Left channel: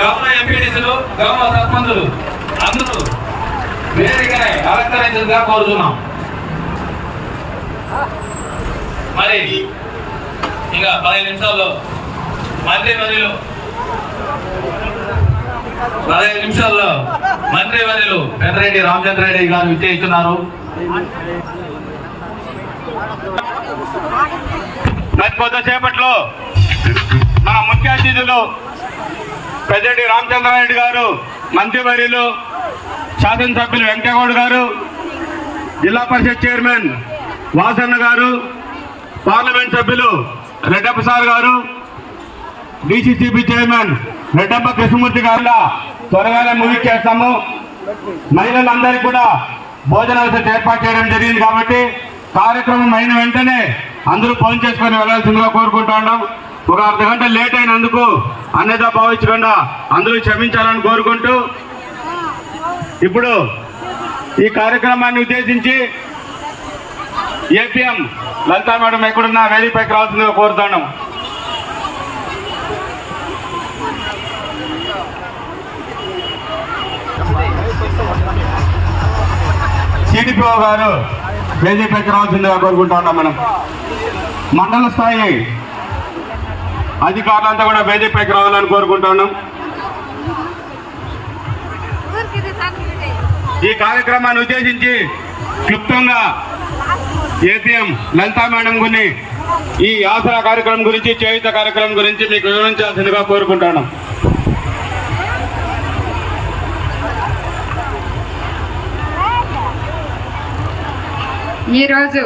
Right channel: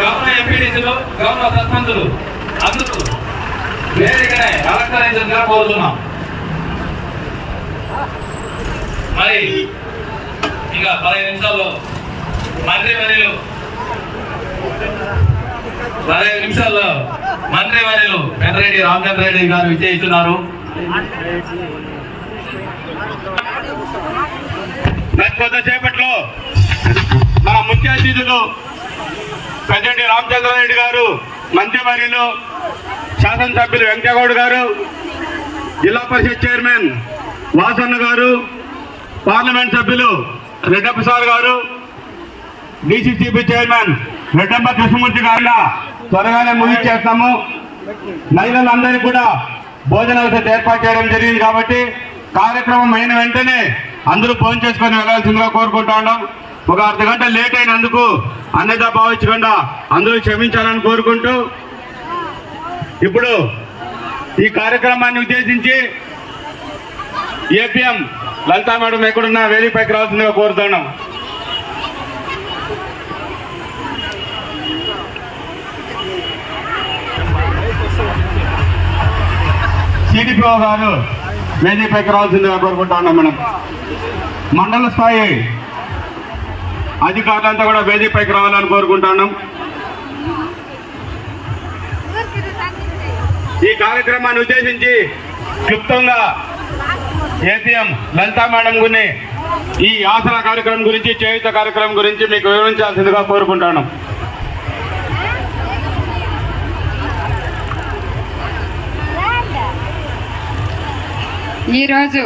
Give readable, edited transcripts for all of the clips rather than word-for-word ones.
గౌరవ ఎంపీటీసీలు, గౌరవ సర్పంచులు అందరూ వేదికనే అలంకరించగా కోరుతున్నాం. మరి ఇంకా 15 నిమిషాల్లో మంత్రివర్యులు పెద్దిరెడ్డి రామచంద్రారెడ్డి గారు విచ్చేస్తున్నారు. కొద్దిసేపట్లో మన ముఖ్య అతిథులు పెద్దిరెడ్డి రామచంద్రారెడ్డి గారు, మంత్రివర్యులు శాసనసభ్యులు వెంకటగౌడ్ గారు, జిల్లా పరిషత్ చైర్మన్ వాసన్న గారు, పార్లమెంట్ సభ్యులు రెడ్డప్ప సార్ గారు, డిసిసిబి చైర్మన్ రెడ్డప్ప కృష్ణమూర్తి గారు త్వరగానే ముగించేస్తాము. మహిళలందరికీ కూడా భోజన ఏర్పాటు చేయడం జరిగింది కాబట్టి కార్యక్రమం అయిన వెంటనే అందరూ భోజనం చేసుకొని వెళ్లాల్సిందిగా కోరుకుంటూ ఉన్నాం. ఒక అర్ధగంట లేట్ అయినందుకు అన్యదా భావించకుండా అందరూ క్షమించాలని కోరుకుంటూ ఇప్పుడు ఈ కార్యక్రమాన్ని ఉద్దేశించి ఏపీఎం లలితా మేడం ఎక్కడున్నా వేదికపైకి రావాల్సిందిగా కోరుతున్నాం. సిడిపిఓ గారు వేదికపైకి రావాల్సిందిగా కోరుకుంటా ఉన్నాం. మనం మండల స్థాయి అధికారులంతా కూడా వేదికపైకి రావాలని కోరుకుంటా ఉన్నాం. ఈ కార్యక్రమాన్ని ఉద్దేశించి క్లుప్తంగా ఏపీఎం లలితా మేడం గురిని ఈ ఆసరా కార్యక్రమం గురించి, చేయుత కార్యక్రమం గురించి మీకు వివరించాల్సిందిగా కోరుకుంటాను. ఈరోజు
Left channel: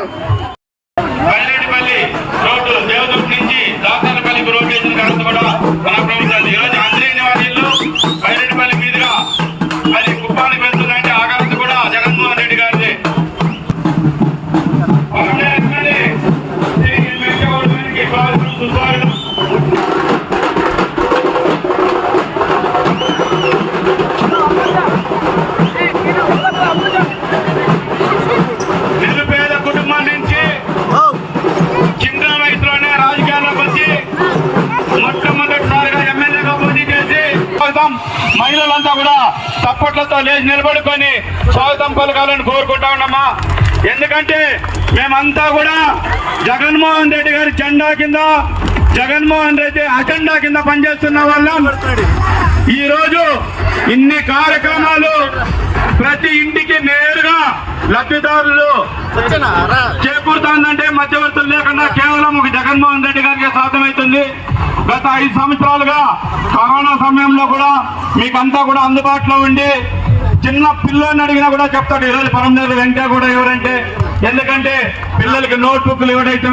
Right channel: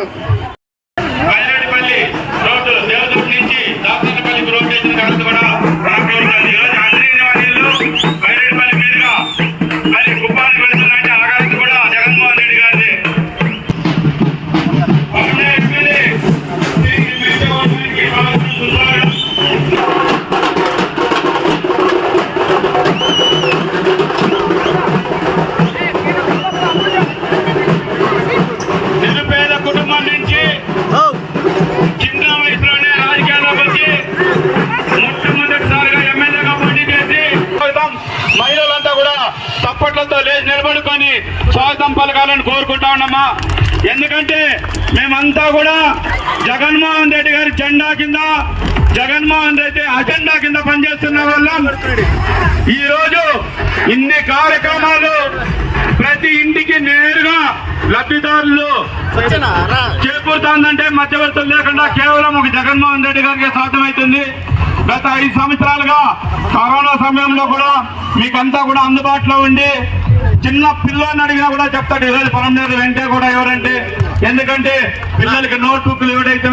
మహిళలంతా కూడా తప్పట్లతో లేచి నిలబడుకొని స్వాగతం పలకాలని కోరుకుంటా ఉన్నామా. ఎందుకంటే మేమంతా కూడా జగన్మోహన్ రెడ్డి గారి జెండా కింద, జగన్మోహన్ రెడ్డి అజెండా కింద పనిచేస్తున్న వాళ్ళం. ఈ రోజు ఇన్ని కార్యక్రమాలు ప్రతి ఇంటికి నేరుగా లబ్ధిదారులు చేకూరుతుందంటే మధ్యవర్తులు లేకుండా కేవలం ఒక జగన్మోహన్ రెడ్డి గారికి సాధ్యమవుతుంది. గత 5 సంవత్సరాలుగా కరోనా సమయంలో కూడా మీకంతా కూడా అందుబాటులో ఉండి చిన్న పిల్లల్ని అడిగినా కూడా చెప్తాడు ఈరోజు పరంజాతి వెంట కూడా ఎవరంటే. ఎందుకంటే పిల్లలకి నోట్ బుక్లు ఎవరైతే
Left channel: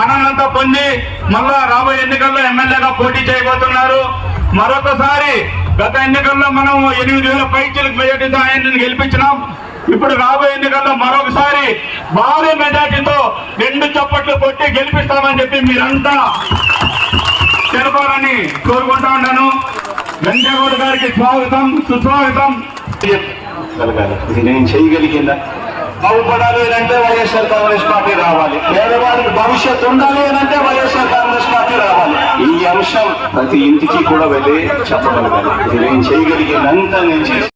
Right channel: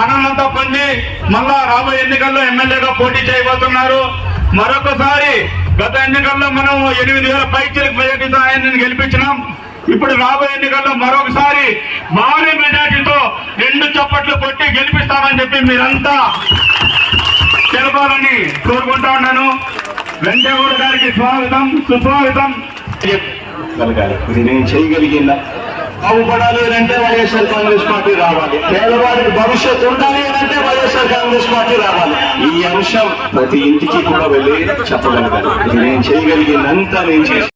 మనలంతా పొంది మళ్ళా రాబోయే ఎన్నికల్లో ఎమ్మెల్యేగా పోటీ చేయబోతున్నారు. మరొకసారి గత ఎన్నికల్లో మనం 8,000 పైచలకు మెజార్టీతో ఆయనను గెలిపించినాం. ఇప్పుడు రాబోయే ఎన్నికల్లో మరొకసారి భారీ మెజార్టీతో 2 చప్పట్లు కొట్టి గెలిపిస్తామని చెప్పి మీరంతా తెలపాలని కోరుకుంటా ఉన్నాను. వెంకటగౌడ్ గారికి స్వాగతం, సుస్వాగతం. నేను చేయగలిగిన బాగుపడాలి అంటే వైఎస్ఆర్ కాంగ్రెస్ పార్టీ రావాలి, పేదవాడికి భవిష్యత్తు ఉండాలి అంటే వైఎస్ఆర్ కాంగ్రెస్ పార్టీ రావాలి. ఈ అంశం ప్రతి ఇంటికి కూడా వెళ్ళి చెప్పగలగాలి. నేను చేయగలిగినంత నేను చేసి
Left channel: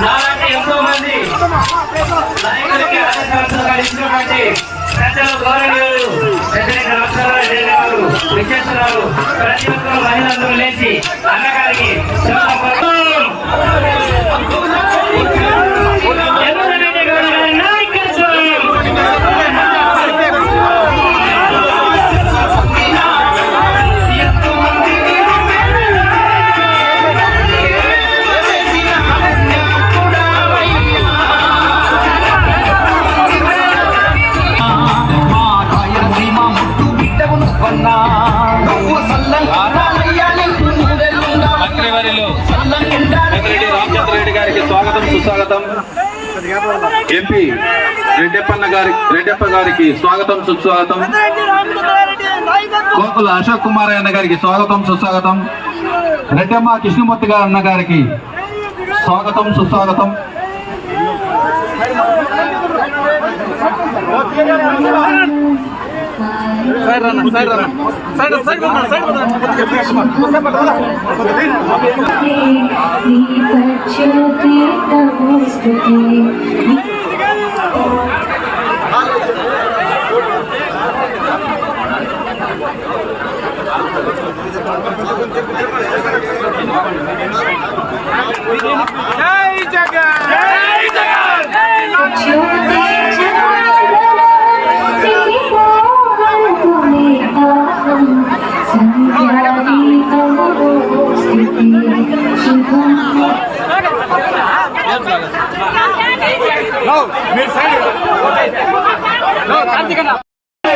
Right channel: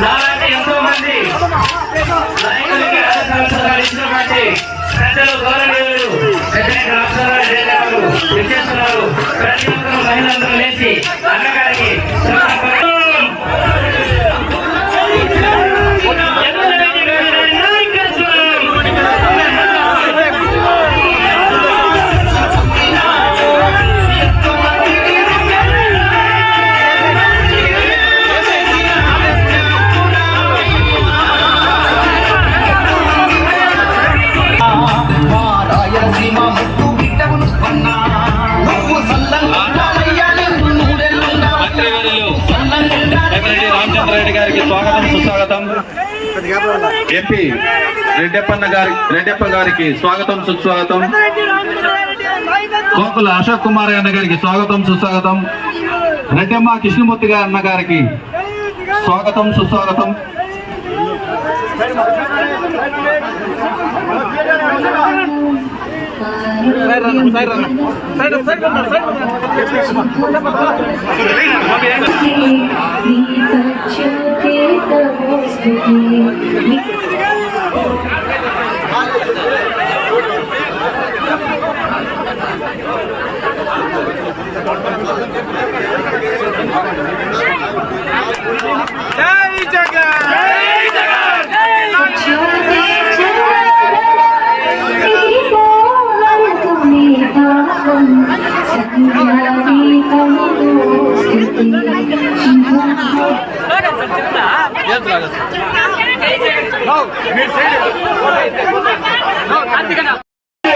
నాలాంటి ఎంతో మంది నాయకులకి రాజకీయాలు ఇచ్చినటువంటి పెద్దలు గౌరవనీయులు పెద్దలకి రాష్ట్రాలు జయగారు విద్యార్థులు ప్రతి ఒక్కరు మహిళలందరూ లేచి అన్నగారికి రెడ్డి గారికి స్వాగతం సుస్వాగతం. ఎంపీ రెడ్డప్ప గారికి స్వాగతం సుస్వాగతం. కోకుల అశోక్ కుమార్ అన్న గారికి స్వాగతం సుస్వాగతం. రెడ్డమ్మ కృష్ణమూర్తి గారు అన్న గారికి స్వాగతం సుస్వాగతం.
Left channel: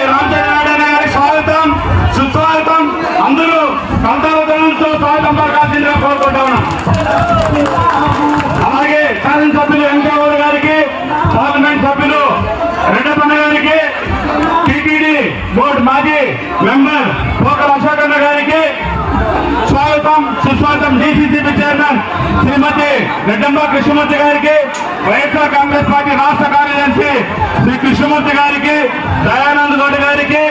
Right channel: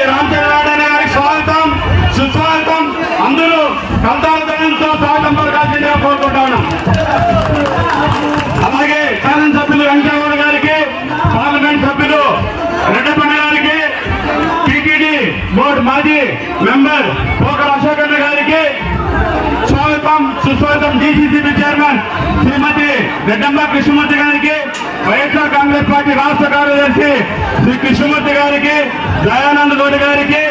రామచంద్రరావు స్వాగతం సుస్వాగతం. అందరూ కందాలతో స్వాగతం పలకాల్సిందిగా కోరుకుంటా ఉన్నాం. అలాగే శాసనసభ్యులు వెంకటరావు గారికి, పార్లమెంట్ సభ్యులు రెడ్డప్ప గారికి, టీటీడీ బోర్డు మాజీ మెంబర్ కోకల అశోక్ అన్న గారికి స్వాగతం సుస్వాగతం. డిసిసిబి చైర్మన్ శ్రీమతి రెడ్డమ్మ కృష్ణమూర్తి గారికి, వైఎస్ఆర్ కాంగ్రెస్ పార్టీ రాష్ట్ర కార్యదర్శి శ్రీ కృష్ణమూర్తి గారికి, దయానంద్ గౌడ్ గారికి,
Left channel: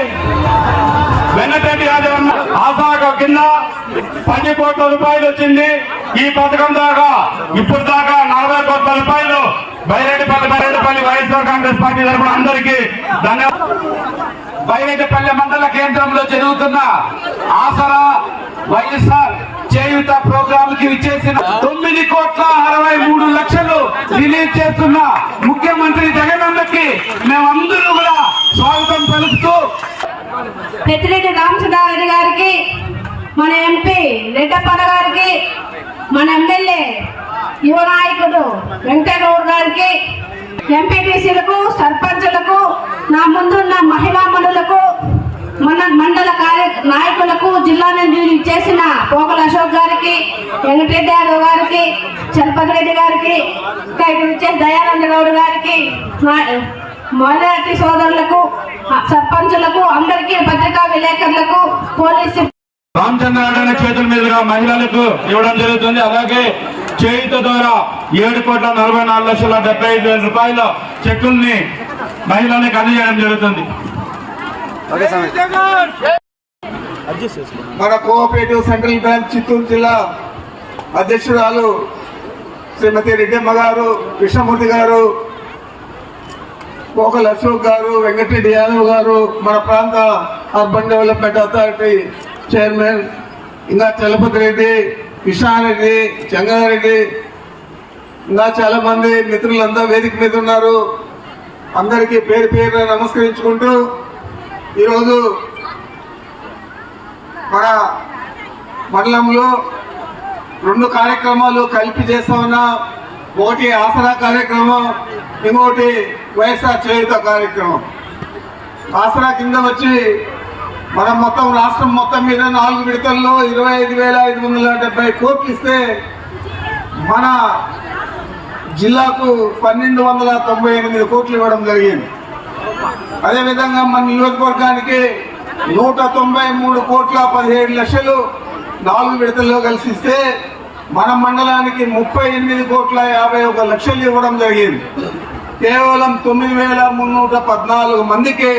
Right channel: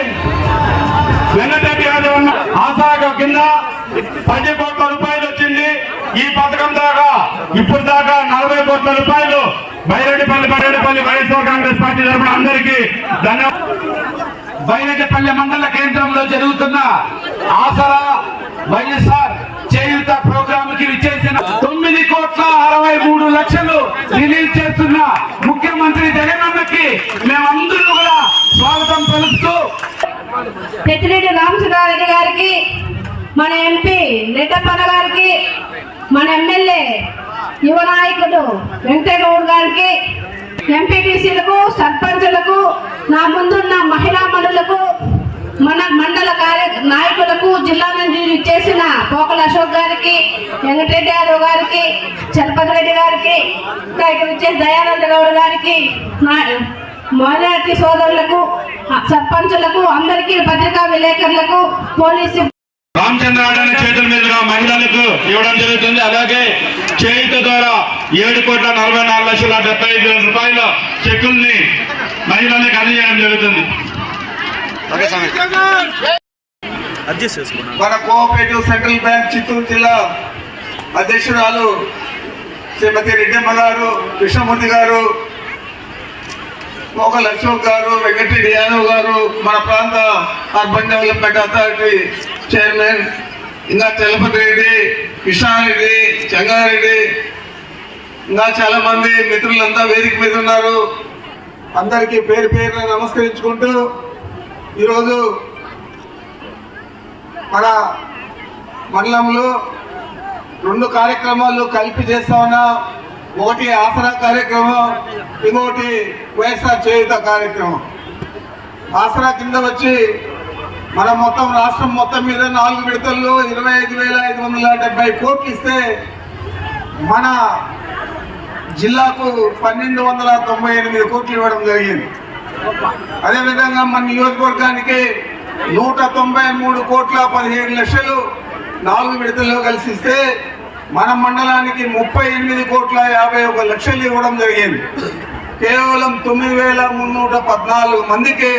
వెంకటరెడ్డి యాదవ్ ఆశాఖ కింద 10 కోట్ల రూపాయలు వచ్చింది. ఈ పథకం దాకా ఇప్పుడు దాకా 40 కోట్ల రూపాయలు బైరెడ్డిపల్లి వైఎస్ఆర్ కాంగ్రెస్ పార్టీ తరఫున అందరికీ ధన్యవాదాలు. బైరెడ్డిపల్లి మండల కేంద్రంలో జరుగుతున్న ఆసరా వైఎస్ఆర్ చేయూత ప్రోగ్రామ్ కి విచ్చేసిన 9,63,00,000 రిలీజ్ చేస్తున్న ముఖ్యమంత్రి జగనన్నకి మేమందరూ కూడా స్వాగతం పలుకుతూ పెద్దిరెడ్డి రామచంద్రారెడ్డి గారికి, మన ఎంపీ రెడ్డప్ప గారికి, మన ఎమ్మెల్యే యువ నాయకుడు వెంకటగౌడ్ గారికి, ఎంపీటీసీలకు, సర్పంచులకు, నా ముందున్న మహిళా మనులకు, మన మండల నాయకులకు, జిల్లా నుంచి చేసిన కోకల అశోక్ గారికి, వెంకటరెడ్డి యాదవ్ గారికి, చలపతి రెడ్డి గారికి, ఇంకా ఇక్కడ వచ్చేసి దయానంద గౌడ్ గారికి, మైనారిటీ సోదరులకు, సర్పంచులకు, అందరికీ, పత్రికా విలేకరులకు, పోలీసు రామచంద్రరావు చేతుల మీదుగా మహిళలకు ఇవ్వడం జరుగుతుంది. అలాగే చేయుత ద్వారా 7,44,75,000 రూపాయల చెక్కుల్ని మహిళలకు అందజేయడం జరుగుతుంది. మన కోఆపరేటివ్ సెంట్రల్ బ్యాంక్ చిత్తూరు జిల్లా అధ్యక్షురాలు శ్రీమతి రెడ్డమ్మ గారు, కృష్ణమూర్తి గారు, కోకల అశోక్ గారు, వెంకటరెడ్డి యాదవ్ గారు, మన ప్రాంత అర్బన్ డెవలప్మెంట్ అథారిటీ చైర్మన్, ఇంకా చలపతి రెడ్డి, కృష్ణారెడ్డి, చెంగారెడ్డి, ఇంకా చాలా మంది మిత్రులంతా వేదిక మీద ఉన్నారు. అందరికీ పేరు పేరున నమస్కరించుకుంటూ ఈరోజు మన మండలంలో 2 కార్యక్రమాలు కలిపి చేస్తా ఉన్నాం. ఒకటి ఆసరా కార్యక్రమం, ఇంకొకటి వైఎస్ఆర్ చేయూత కార్యక్రమం. ఆసరా కింద వచ్చి మనం మొత్తం రాష్ట్రం మొత్తం మీద 4 విడతల్లో 25,570 కోట్లు ఇస్తే మన జిల్లాకు 1,298 కోట్లు ఇవ్వడం జరిగింది. అదేవిధంగా మన నియోజకవర్గానికి 193 కోట్ల 17 లక్షలు 4 విడతల్లో కలిసి ఇస్తే మన మండలానికి 38 కోట్ల 51 లక్షలు ఇవ్వడం జరిగింది. కేవలం 9,314 మందికి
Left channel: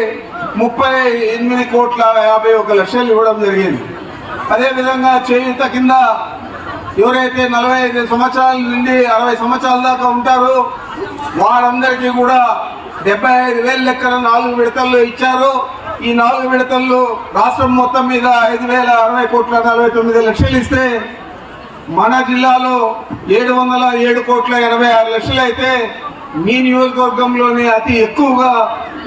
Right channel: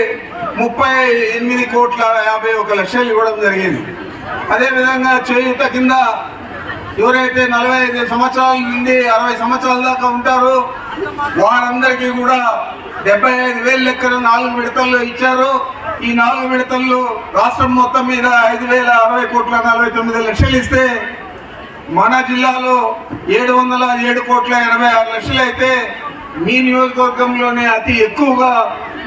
38 కోట్ల 51 లక్షలు ఇవ్వడం జరిగింది. అదేవిధంగా చేయూత కింద ఎవరైతే 45 సంవత్సరాల నుండి 60 సంవత్సరాల దాకా ఉంటారో వారందరికీ కూడా 75,000 లెక్కన 4 విడతల్లో ఇచ్చారు. ఈ 4 విడతల్లో రాష్ట్రం మొత్తం మీద 5,060,49 ఇస్తే మన జిల్లాలో 707,86 అయితే మీ నియోజకవర్గంలోనే అతి ఎక్కువగా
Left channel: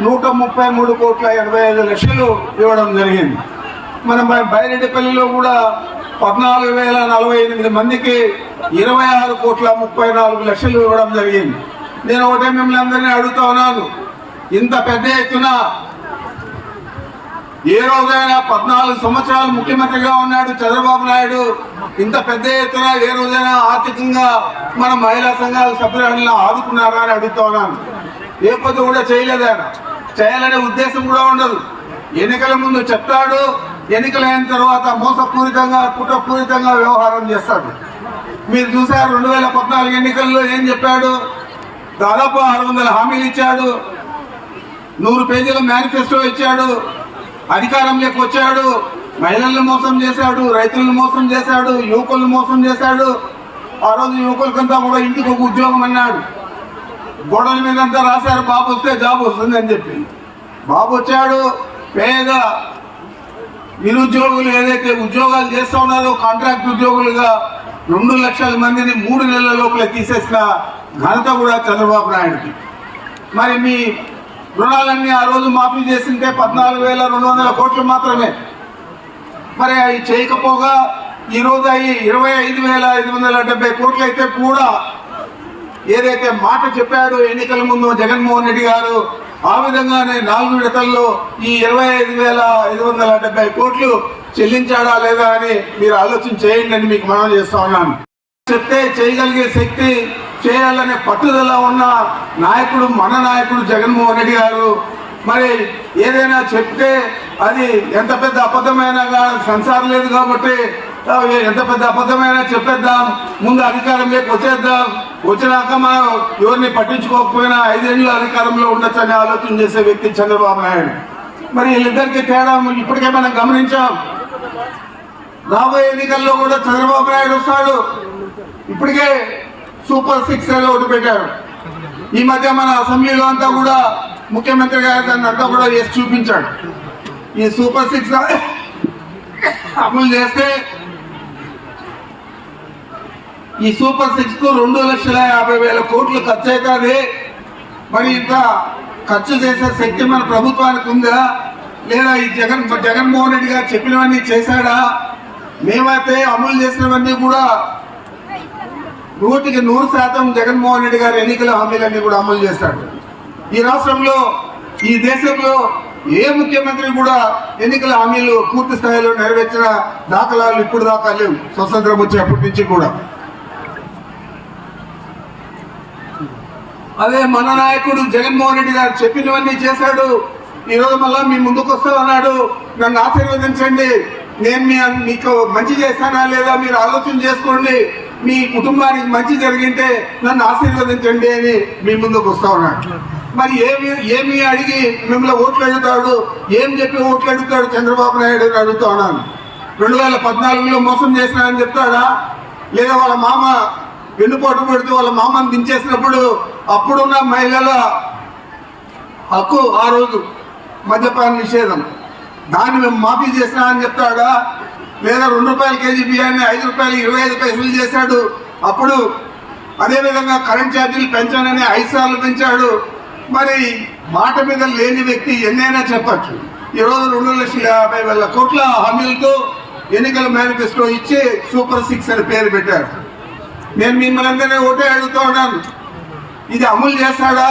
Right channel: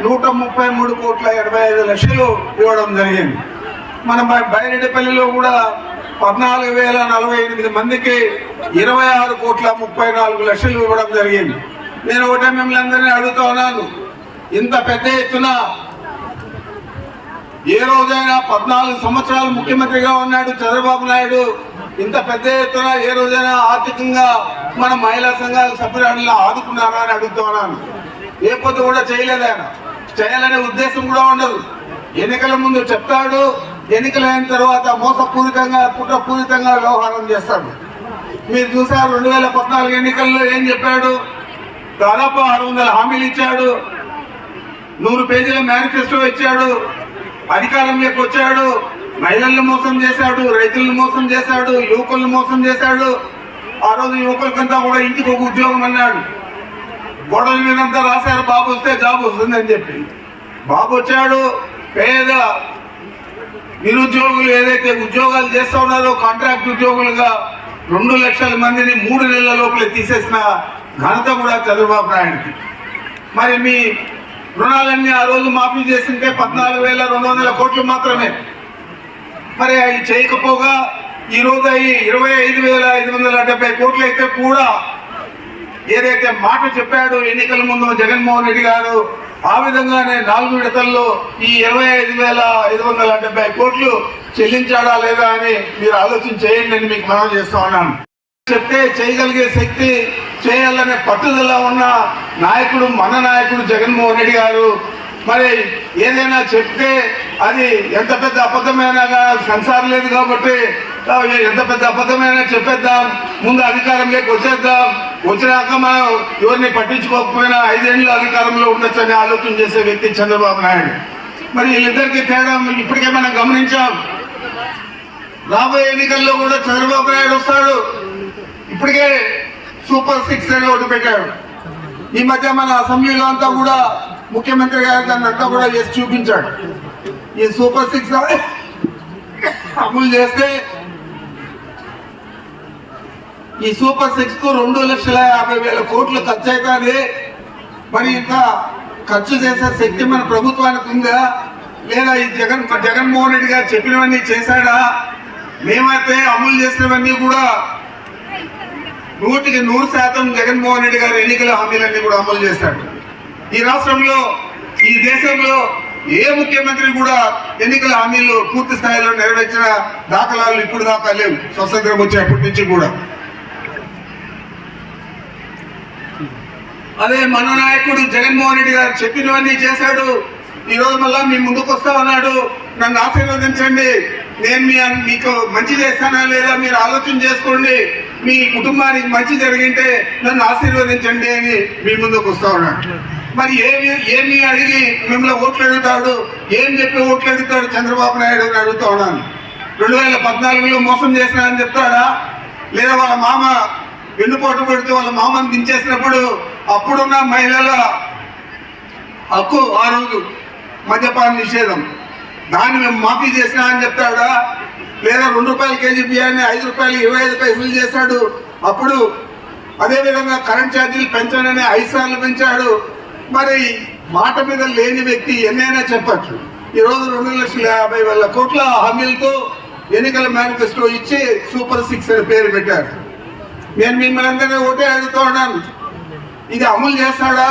133,85 ఇవ్వడం జరిగింది. మన బైరెడ్డిపల్లిలో కూడా 14,048 మందికి 26,34 ఇవ్వడం జరిగింది. నేను ఒకటే మిమ్మల్ని అందరినీ అడుగుతా ఉన్నాను, ఇంత పెద్ద ఎత్తున ఏ రోజైనా 14 సంవత్సరాలు ముఖ్యమంత్రిగా ఉన్నాడు చంద్రబాబు నాయుడు, ఇంత పెద్ద ఎత్తున ఏ రోజైనా ఆర్థికంగా మన మహిళా సంఘాల సభ్యులను ఆదుకున్నారా అని అడుగుతా ఉన్నాను. ఏ పొద్దు కూడా చేయలేదాయన, చేయాలనే ఉద్దేశం కూడా ఉండదు. ఎన్నికల ముందు చెప్తాడు, ఎన్నికలైన తర్వాత మోసపూరితంగా కుట్రపూరితంగా వ్యవహారం చేస్తాడు. మీరు చూసారు 2014 ఎన్నికల్లో ఏం చెప్పాడు, దాదాపు 600 హామీలు ఇచ్చాడు, 100 పేజీల మేనిఫెస్టో ఇచ్చాడు, అధికారంలోకి వచ్చాడు, మహిళలను మోసం చేశాడు, రైతులను మోసం చేశాడు, యువకులను మోసం చేశాడు. ఆ రోజు యువకులకంతా కూడా ఇంటికి ఒక ఉద్యోగం అన్నాడు, గోడల మీదంతా రాశారు బాబు వస్తే జాబ్ వస్తుంది అని చెప్పి. బాబు వచ్చాడు, పేద నిరుద్యోగులు ఏదైతే ఉద్యోగాలు చేస్తా ఉన్నారో కాంట్రాక్ట్ ఉద్యోగులుగా 2 లక్షల మందిని 3 నెలల లోపల తీసేసిన ఘనత కూడా చంద్రబాబు నాయుడుకి. మరి మీ రుణాలన్నీ ఆ రోజు మాఫీ చేసింటే 14,200 కోట్లు మాత్రమే. మరి అవి చేయకపోగా ఈ రోజు అవి 25,570 కోట్లు అయితే కూడా ఏదైతే మాట చెప్పాడో ఎన్నికల ముందు జగన్మోహన్ రెడ్డి గారు, ఆ విధంగానే 4 విడతల్లో ఈ 25,570 కోట్లు చెల్లించాడా లేదా అని మీరు ఆలోచన చేయండి అని మీకు మనం చేస్తా ఉన్నాను. చెప్తే చేయగలిగే శక్తి, చేయాలనే పట్టుదల ఉన్న నాయకుడు మన నాయకుడు జగన్మోహన్ రెడ్డి గారు. మరి ఏదైనా చెప్తే అది ఎంత పెద్ద అబద్ధమైనా సంసారం లేదు కాబట్టి ఎంత పెద్ద అబద్ధమైనా చెప్పేద్దాం, ముందు అధికారంలోకి వచ్చేద్దాం, వచ్చినాక మనం ఎవరిని పట్టించుకోకపోయినా 5 ఏళ్ళు అధికారంలో ఉండొచ్చని ఆలోచన చేసే వ్యక్తి చంద్రబాబు నాయుడు. మరి వీళ్ళిద్దరికి తేడా ఇప్పటికే మనం గమనించాం. రాబోయే ఎన్నికల్లో కూడా చంద్రబాబు నాయుడు వస్తాడు. ఇప్పటికే సూపర్ 6 అని ఒకటి పెట్టాడు. ఈ మధ్య మన అసెంబ్లీలో అంతా కూడా ముఖ్యమంత్రి గారు దాన్ని అంతా కూడా చేసి చూపించాడు. ఈ సూపర్ 6 అమలు చేస్తే ఈ సూపర్ 6 కు 2,50,000 కోట్లు ఖర్చు అవుతుంది. మరి ఇంత ఖర్చు చేసే శక్తి మన ప్రభుత్వానికి ఉందా లేదా? ఈ జగన్మోహన్ రెడ్డి గారు చెప్పినవన్నీ చేశాడా? మేమైతే అమలు చేసినవన్నీ కూడా 100% జగన్మోహన్ రెడ్డి గారు ఎన్నికల హామీలన్నీ కూడా అమలు చేశాడు. ఈ రాష్ట్రంలో, ఈ దేశంలో ఏ ముఖ్యమంత్రి కూడా ఎన్నికల హామీలు పూర్తి స్థాయిలో నెరవేర్చిన దాఖలాలు ఇప్పుడు దాకా లేవు, స్వతంత్రం వచ్చేప్పటి నుంచి కూడా. అదే మన నాయకుడు జగన్మోహన్ రెడ్డి గారు చెప్పినవన్నీ చేశాడు. ఈరోజు మళ్ళా మీ ముందుకు వస్తా ఉన్నాడు, నన్ను ఆశీర్వదించండి, నేను మీకు మంచి చేస్తానా లేదా మీరు ఆలోచన చేసుకోండి, మీ కుటుంబానికి మంచి జరిగింటే నన్ను ఆశీర్వదించండి అని మీ ముందుకు వస్తా ఉన్నాడు. మరి ఏమి అడిగి మిమ్మల్ని ఓట్లు అడుగుతాడు, ఏం చెప్పి ఓట్లు అడుగుతాడు చంద్రబాబు నాయుడు అని అడుగుతా ఉన్నాను. 2014లో మోసం చేసినా అని చెప్తాడా? లేదా వాళ్ళ మామ వెన్నుపోటు పెడుతూ వాళ్ళ మామను దించేసినప్పుడు అప్పుడున్న మహిళల హక్కు ఆ రోజు మద్యపాన నిషేధం, దాన్ని మేము మాఫీ చేసినా అని చెప్తాడా? లేదా 2 రూపాయల కేజీ బియ్యాన్ని 5 రూపాయలు 25 పైసలు చేశాడు. అప్పుడు అదేవిధంగా కరెంట్ ఛార్జీలు పెంచాలని 5 సార్లు పెంచాడు. మరి మాట మీద లేని వ్యక్తి ఎన్నైనా చెప్పచ్చు. ఈరోజు 2,50,000 కోట్ల హామీలతో ఎన్నికల మేనిఫెస్టో ఇచ్చి సూపర్ 6 అని పేరు పెట్టారు. నేను మిమ్మల్ని అందరినీ ఒకటే అడుగుతూ ఉన్నాను, ఇది అమలు చేస్తాడా?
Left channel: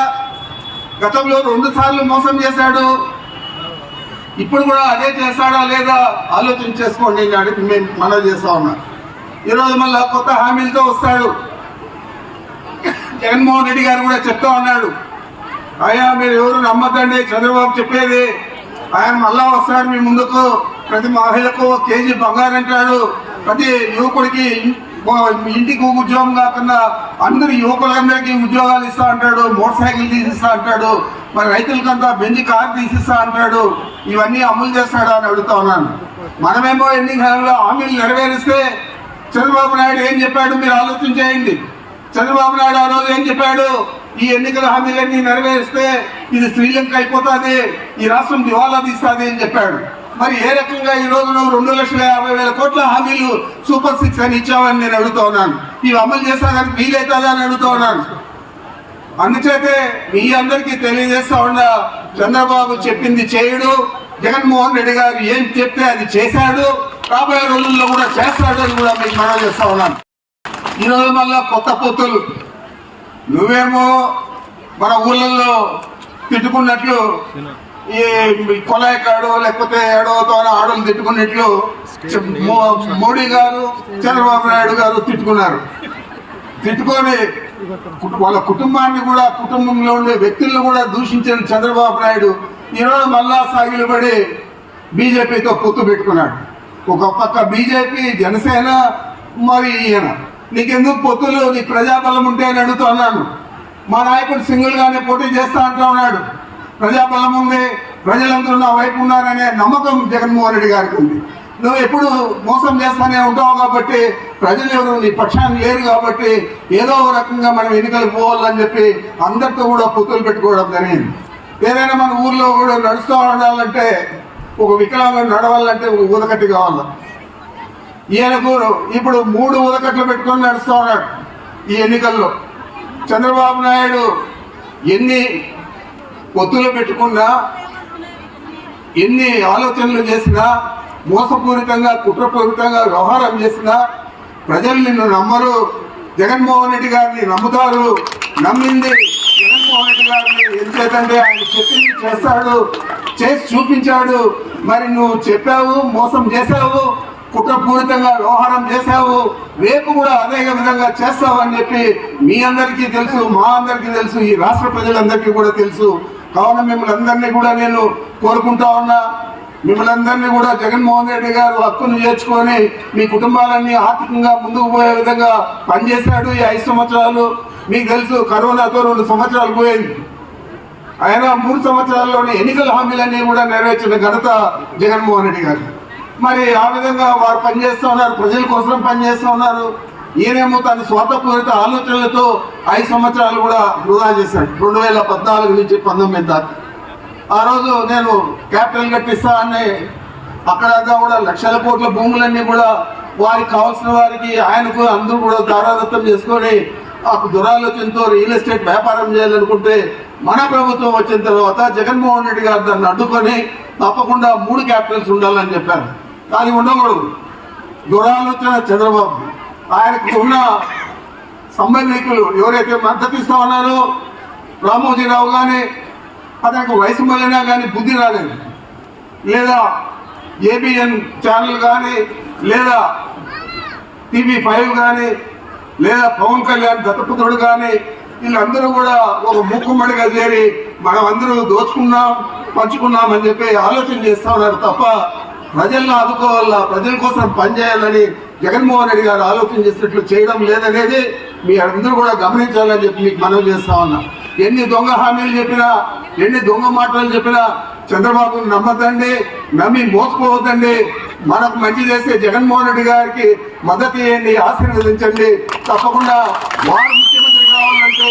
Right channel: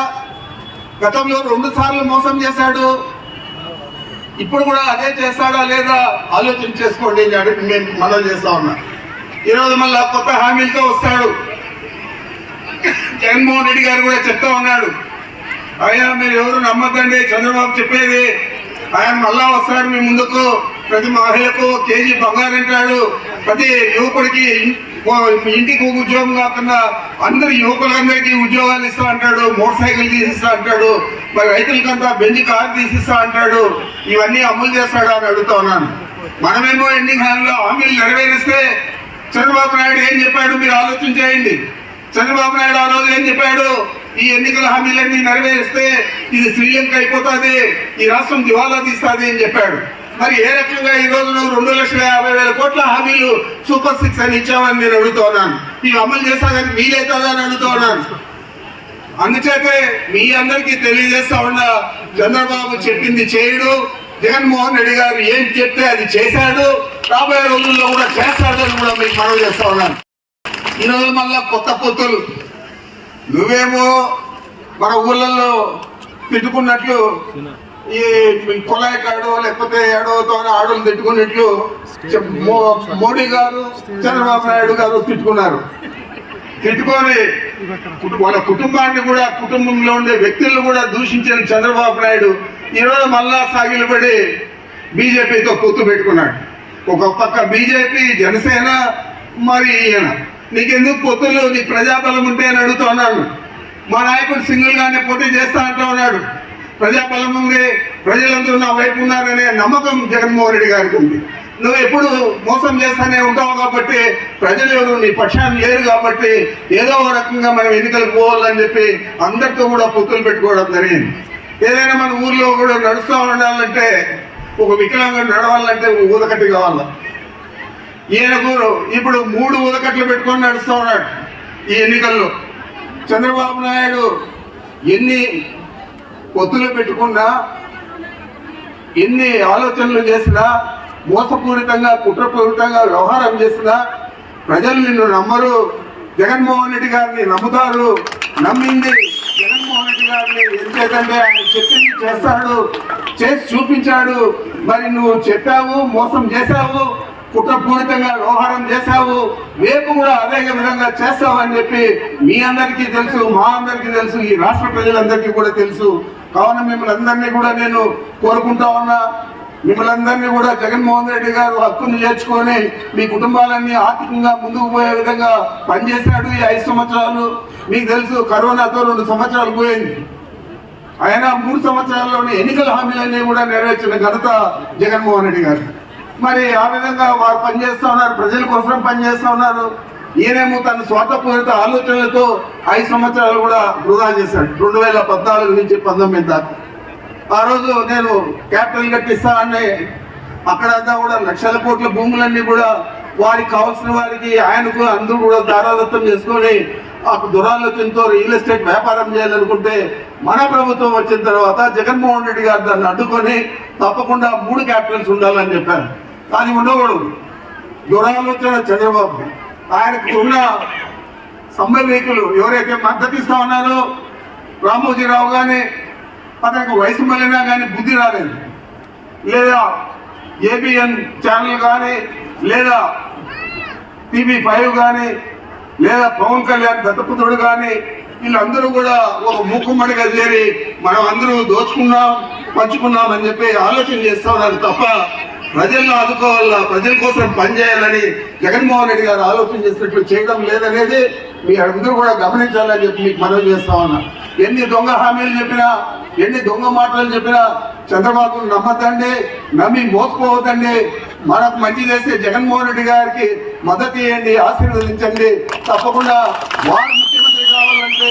గతంలో 2 సార్లు మోసం చేశాడు, ఇప్పుడు కూడా అదే చేస్తాడా లేదా ఆలోచన చేసుకోండి అని మేము మనం చేస్తా ఉన్నాం. ఈరోజు మళ్ళా కొత్త హామీలతో వస్తాడు. జగన్మోహన్ రెడ్డి గారు కూడా చెప్తా ఉన్నాడు, అయ్యా మీరు ఎవరు నమ్మద్దండి చంద్రబాబు చెప్పేది, ఆయన మళ్ళా వస్తాడు మీ ముందుకు, ప్రతి మహిళకు కేజీ బంగారం అంటాడు, ప్రతి యువకుడికి ఇంటికి ఒక ఉద్యోగం కాకుండా అందరు యువకులందరికీ ఉద్యోగాలు ఇస్తా అంటాడు, మోటార్ సైకిల్ తీసిస్తా అంటాడు, మరి రైతులకంతా బెంజ్ కారు తీసిస్తా అంటాడు. ఇవన్నీ అమలు చేస్తాడు అని అడుగుతా ఉన్నాను. మనమేమో ఎన్నికల్లో హామీలు నెరవేరిస్తే చంద్రబాబు నాయుడు ఏం చెప్పాడు మీరు ఆలోచన చేయండి. చంద్రబాబు నాయుడు ఆ రోజు ఏం చెప్పాడు? ఈ ఎన్నికల హామీలన్నీ నెరవేరిస్తే ఇది శ్రీలంక అయిపోతుంది, ఈ రాష్ట్రం దివాలా తీస్తుంది అని చెప్పాడు. మరి ఏ రకంగా ఈ రోజు 2,50,000 కోట్ల హామీలు సూపర్ 6 అని ఇచ్చామని నేను అడుగుతా ఉన్నాను. ఇవి అమలు చేస్తానని మీరేతాగా అని అడుగుతా ఉన్నాను. అందుచేతే మీ అందరికీ తెలియజేస్తా ఉన్నా, చంద్రబాబు చెప్పింది చేయడు, జగన్మోహన్ రెడ్డి గారు ఏం చెప్తే అది చేశాడు, రాబోయే రోజుల్లో కూడా చేస్తాడు అని కూడా మీకు మనవి చేస్తా ఉన్నాను. ఈరోజు మళ్ళా కొత్త పొత్తులు, నువ్వేమో మన ఊళ్ళల్లో తిట్టుకున్నట్లు ఈ కొలాయికాడో లేకపోతే ఏడవతో ఆడలు తిట్టుకున్నట్లు మోడీ గారు చంద్రబాబు నాయుడు గారు తిట్టుకున్నారు. తిట్టుకొని వాళ్ళ కుటుంబాన్ని కూడా, కుటుంబంలో ఉండే వ్యక్తులను కూడా దూషించిన చంద్రబాబు నాయుడు ఈరోజు మళ్ళా సాగిలపడి బీజేపీతో పొత్తు పెట్టుకున్నాడు. ఒక పక్క బీజేపీ, జనసేన, మరి ఈయన. నీకెందుకు పొత్తులు? నీ ప్రజాబలం ఉంటే అని అడుగుతున్నాను. మా నాయకుడు సింగిల్ గానే పోటీ చేస్తా అంటూ ఉన్నాడు. ప్రజాబలం ఉంది, ప్రజలందరూ నా వైపు ఉన్నారనే నమ్మకం జగన్మోహన్ రెడ్డి గారికి ఉంది. నువ్వు ఎప్పుడు మోసం చేస్తానే ఉంటావు కాబట్టి, ప్రజలు ఎవరు నీ పక్షాన్ని లేరు కాబట్టి ఏదో ఒక రకంగా మనం ఎన్నికలు పోవాలని చెప్పి అందరితో కూడా పొత్తులు పెట్టుకోవడం జరిగింది. ఏదైనా మన ఊర్లో కూడా నడుస్తూ ఉండాలంటే, ఒక వికలాంగుడు నడవాలంటే ఊదకట్టి కావాలి. ఈయనకు ఇప్పుడు 3 ఊదకట్లు పెట్టుకొని నడుస్తూ ఉన్నాడు ఈ ఎన్నికల్లో. చంద్రబాబు నాయుడు ఎన్ని పొత్తులు పెట్టుకున్నా, ఎన్ని ఆలోచనలు చేసినా, మోసపూరితంగా కుట్రపూరితంగా వ్యవహారం చేసినా ప్రజలు నిన్ను నమ్మరు. జగన్మోహన్ రెడ్డి గారిని నమ్ముతారు. నమ్మింది జగన్మోహన్ రెడ్డి గారిని ఎందుకంటే ఆయన చెప్పింది చేస్తాడు, చేసి చూపించాడు. మరి నువ్వు చెప్పావు, మోసం చేశావు, కుట్రపూరితంగా వ్యవహారం చేశావు, రేపు కూడా అదే విధంగా చేస్తావని చెప్పి మీ అందరికీ తెలుసు, మా అందరికీ తెలుసు, ఈ రాష్ట్ర ప్రజలందరికీ కూడా తెలుసు. కావున మిమ్మల్ని అందరినీ కూడా నేను కోరుకుంటా ఉన్నా, మిమ్మల్ని అందరినీ కూడా జగన్మోహన్ రెడ్డి గారు హక్కును చేర్చుకొని మీ కుటుంబాలన్నీ ఆర్థికంగా ముందుకు పోయే విధంగా పనిచేశాడు ఈ 5 సంవత్సరాలు. మీకు తెలుసు, కరోనాతో 2 సంవత్సరాలు పోయింది. ఆయన 3 సంవత్సరాల్లోని ఎన్నికల హామీలన్నీ కూడా నెరవేర్చిన ఘనత జగన్మోహన్ రెడ్డి గారు. మరి ఆ విధంగా వారు పనిచేస్తూ ఉన్నారు, ప్రజల కోసం పనిచేస్తూ ఉన్నారు. ఈయనేమో తన స్వార్థపూరిత ఆలోచనలతో 5 సంవత్సరాలు కూడా వృధా చేశాడు. 2014 నుంచి 19 దాకా. ఆ రోజు నేను క్యాపిటల్ కట్టిస్తా అని అక్కడంతా కూడా లక్షల కోట్ల భూములన్నీ కూడా వారికి కావాల్సిన వారికి, ఆయనకు అందరూ కూడా దారాదత్తం చేసుకొని దురాలోచనతో రియల్ ఎస్టేట్ వ్యాపారం చేయాలనుకుంటే, మన ప్రభుత్వం వచ్చిన తర్వాత జగన్మోహన్ రెడ్డి గారు దాన్ని అడ్డుకొని తప్పకుండా 3 క్యాపిటల్స్ ఉండాలని చెప్పారు. కానీ ఉండకూడదు. దురాలోచన చంద్రబాబు. ఆయనకు ఉన్న సంబంధికులు ఎవరైతే మద్దతు ఇస్తా ఉన్నారో, రామోజీరావు కానీ, అతనికి వయసు మళ్ళినా కానీ బుద్ధి రాలేదు, లేదా ఏబిఎన్ ఛానల్ కానీ, లేదా TV5 కానీ, లేదా పవన్ కళ్యాణ్ దత్తపుత్రుడు కానీ, వీళ్ళందరూ కూడా ఒక ముక్కుమ్మడిగా చేరి మనం అందరూ దోచుకున్నాం, పంచుకున్నాం అని చెప్పి ఆలోచన చేస్తూ ఉన్నారు తప్ప, ప్రజలను ఆదుకోవాలా, ప్రజల కోసం పనిచేయాలని జగన్మోహన్ రెడ్డి గారు ఆలోచన చేసినట్లు చేయడం లేదనేది మీ అందరూ కూడా గమనించాలని చెప్పి మీకు మనవి చేస్తా ఉన్నా. ఎన్ని దొంగ హామీలు చెప్పినా, ఎన్ని దొంగ మాటలు చెప్పినా చంద్రబాబును నమ్మద్దండి, నమ్మి మోసపోవద్దండి. మనకు మంచి చేసే జగన్మోహన్ రెడ్డి గారికి మద్దతు ఇవ్వండి, ఆశీర్వదించండి. తప్పకుండా వారు ముఖ్యమంత్రి కావాలంటే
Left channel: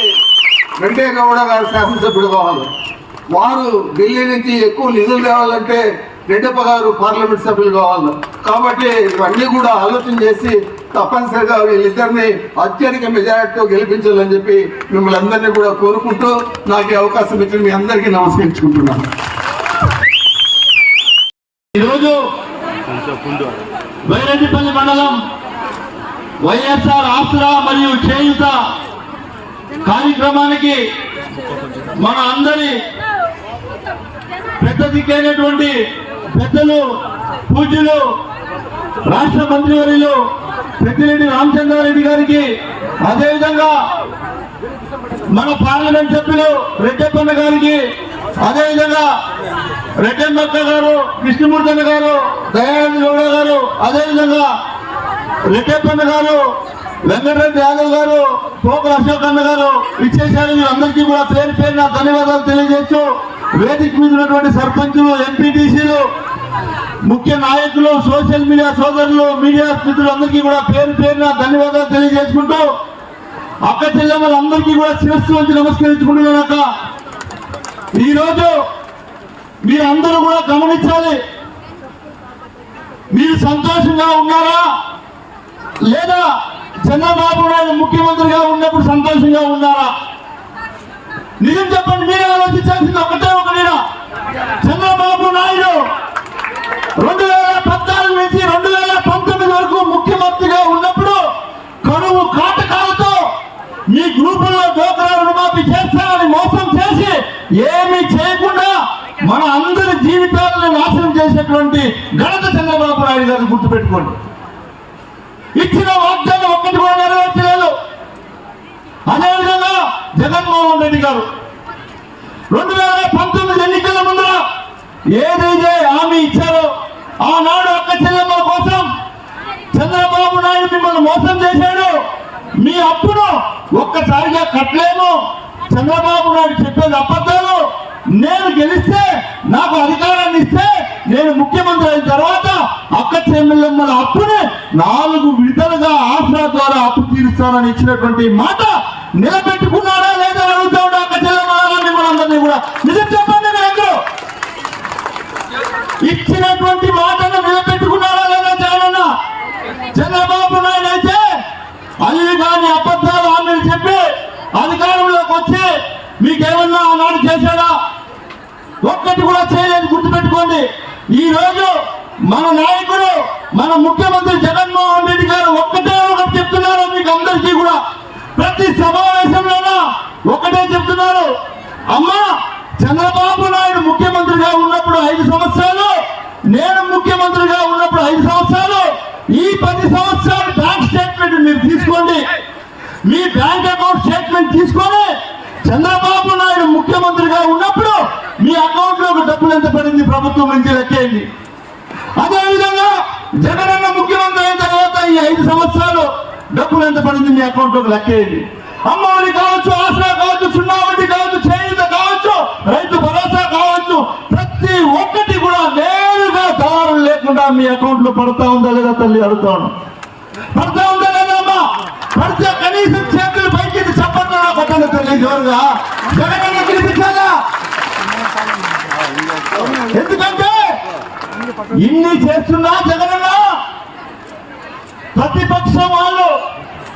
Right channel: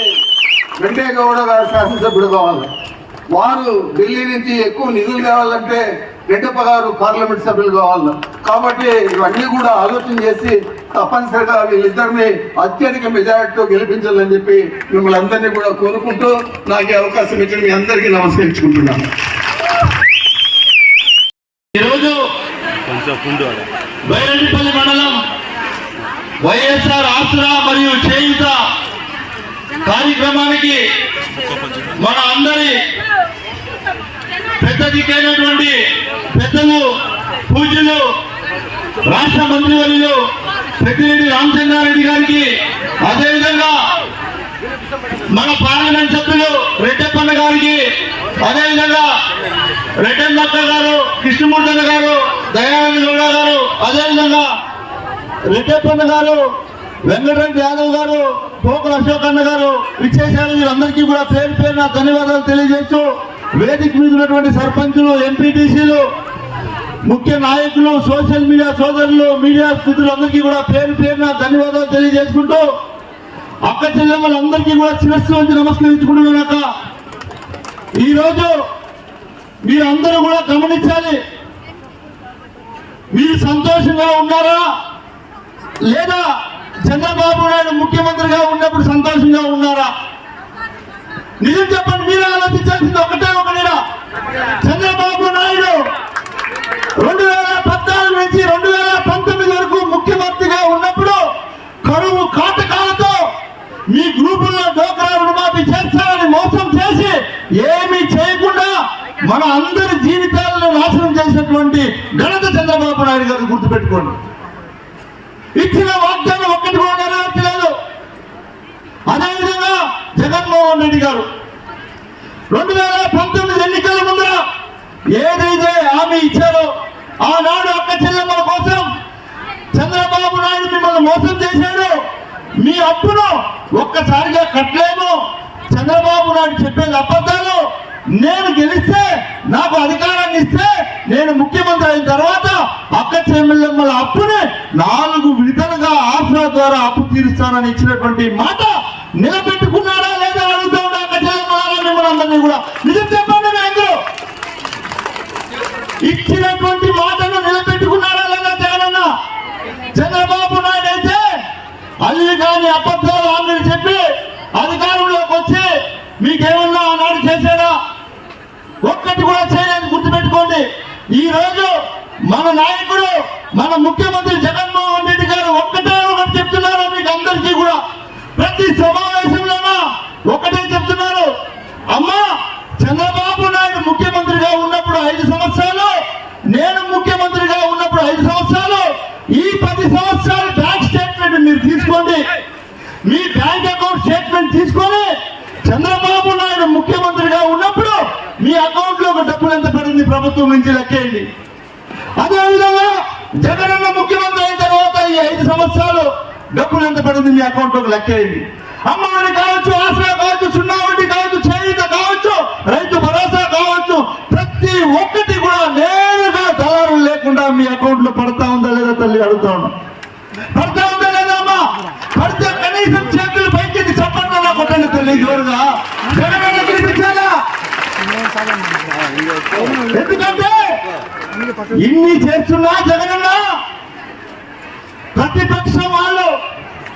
వెంకయ్యగౌడ గారు శాసనసభ్యుడు కావాలి. వారు ఢిల్లీ నుంచి ఎక్కువ నిధులు తేవాలంటే రెడ్డప్ప గారు పార్లమెంట్ సభ్యులు కావాలి. కాబట్టి ఇవన్నీ కూడా ఆలోచన చేసి తప్పనిసరిగా వీళ్ళిద్దరిని అత్యధిక మెజారిటీతో గెలిపించాలని చెప్పి మిమ్మల్ని అందరినీ కూడా కోరుకుంటూ నాకు అవకాశం ఇచ్చి మీ అందరికీ నమస్కరించుకుంటున్నాను. ఈరోజు వైరెడ్డిపల్లి మండలం వైఎస్ఆర్ ఆసరా మరియు చేయూత కార్యక్రమానికి మన అందరి పెద్ద దిక్కైనటువంటి పెద్దలు, పూజ్యులు, రాష్ట్ర మంత్రివర్యులు పెద్దిరెడ్డి రామచంద్రారెడ్డి గారికి, అదేవిధంగా మన పార్లమెంట్ సభ్యులు రెడ్డప్పన్న గారికి, అదేవిధంగా రెడ్డమ్మక్క గారు, కృష్ణమూర్తి గారు, దయానంద గౌడ గారు, అదేవిధంగా రెడ్డప్పన్న గారు, వెంకటరెడ్డి యాదవ్ గారు, పోకు అశోక్ అన్న గారు ఇచ్చేసారు. వీరందరికీ కూడా పేరు పేరున ధన్యవాదాలు తెలియజేస్తూ, వేదిక మీద ఉన్నటువంటి సర్పంచులు, ఎంపీటీసీలు, ముఖ్య నాయకులు, సోషల్ మీడియా సోదరులు, మీడియా స్థితులందరికీ కూడా పేరు పేరున ధన్యవాదాలు తెలియజేసుకుంటూ అక్క చెల్లెమ్మలందరికీ కూడా శిరస్సు వంచి నమస్కరించుకుంటున్నాక ఈరోజు మీరందరూ కూడా గమనించాలి. మీరు సంతోషంగా ఉన్నారా లేదా చంద్రబాబు నాయుడు ముఖ్యమంత్రిగా ఉన్నప్పుడు సంతోషంగా ఉన్నారా? నిజం చెప్పండి. మీరు ఆలోచించాల్సింది ఒకటే ఒకటినా. చంద్రబాబు నాయుడు 2014 నుంచి 2019 వరకు ముఖ్యమంత్రిగా ఉన్నప్పుడు కరువు కాటకాలతో మీ గ్రూపుల్లో డోక్రా రుణమాఫీ చేస్తారని మోసం చేసి ఏమీ చేయకుండా మన అందరి జీవితాలను నాశనం చేసినటువంటి ఘనత చంద్రబాబు నాయుడు గారు గుర్తుపెట్టుకోండి. ఇచ్చిన వాగ్దానం ఒక్కటి కూడా నెరవేర్చలేదు. అదేవిధంగా జగన్మోహన్ రెడ్డి గారు 2019 ఎన్నికల ముందర ఏదైతే హామీ ఇచ్చారో ఆనాడు అక్క చెల్లెమ్మల కోసం చంద్రబాబు నాయుడు మిమ్మల్ని మోసం చేశాడు. మీ అప్పును ఒక్కసారిగా కట్టలేము. చంద్రబాబు నాయుడు చెప్పేది అబద్ధాలు. నేను గెలిస్తే, నాకు అధికారాన్ని ఇస్తే, నేను ముఖ్యమంత్రి అయిన తర్వాత అక్క చెల్లెమ్మల అప్పుని 4 విడతలుగా ఆసరా ద్వారా అప్పు తీరుస్తానని ఇచ్చినటువంటి మాట నిలబెట్టుకున్నాడా లేదా అడుగుతా ఉండే అక్క చెల్లెమ్మలాగా మిమ్మల్ని కూడా నిజం చెప్పండి. మీరు ఇచ్చినటువంటి మాటను నిలబెట్టుకున్నాడా లేదా జగనన్న? చంద్రబాబు నాయుడు అయితే అల్లి కాని అబద్ధాలు హామీలు చెప్పి అధికారంలోకి వచ్చి మీకేమన్నా ఆనాడు చేశారా? ఒక్కటి కూడా చేయలేదు. గుర్తుపెట్టుకోండి. ఈ రోజు మన నాయకుడు, మన ముఖ్యమంత్రి జగన్మోహన్ రెడ్డి గారు ఒక్కటే ఒకటి చెప్తున్నారు మీకు అందరికీ కూడా. ప్రతి సమావేశంలోనూ ఒకటే చెప్తున్నారు. అమ్మా, చంద్రబాబు నాయుడు ముఖ్యమంత్రిగా ఉన్నప్పుడు 5 సంవత్సరాలు, నేను ముఖ్యమంత్రిగా ఉన్నప్పుడు 5 సంవత్సరాలు, ఈ 10 సంవత్సరాలు బ్యాంక్ స్టేట్మెంట్ మీరు తీసుకోండి. మీ బ్యాంక్ అకౌంట్ స్టేట్మెంట్ తీసుకొని చంద్రబాబు నాయుడు ముఖ్యమంత్రిగా ఉన్నప్పుడు మీ అకౌంట్ లో డబ్బులు ఎంత పడింది ప్రభుత్వం నుంచి లెక్కేయండి. అదేవిధంగా జగనన్న ముఖ్యమంత్రి అయిన తర్వాత ఈ 5 సంవత్సరాలు డబ్బులు ఎంత పడింది మీ అకౌంట్ లోకి లెక్కేయండి. అమ్మఒడి కావచ్చు, ఆసరా కావచ్చు, 0 వడ్డీ కావచ్చు, చేయూత కావచ్చు, రైతు భరోసా కావచ్చు, ప్రతి ఒక్కటి కూడా నేరుగా దళారులు లేకుండా మీ అకౌంట్ లో పడతా ఉందా లేదా తల్లి అడుగుతా ఉన్నా. పడతా ఉందా లేదా అమ్మా? పడితే కనీసం చేతులు పైకి చెప్పండి నా కొట్టండి తల్లి జోరుగా. జగనన్న తినిపించాలా? ఎందుకంటే ఇన్ని చేస్తున్నా జగనన్న ప్రతిపక్షం వాళ్ళు,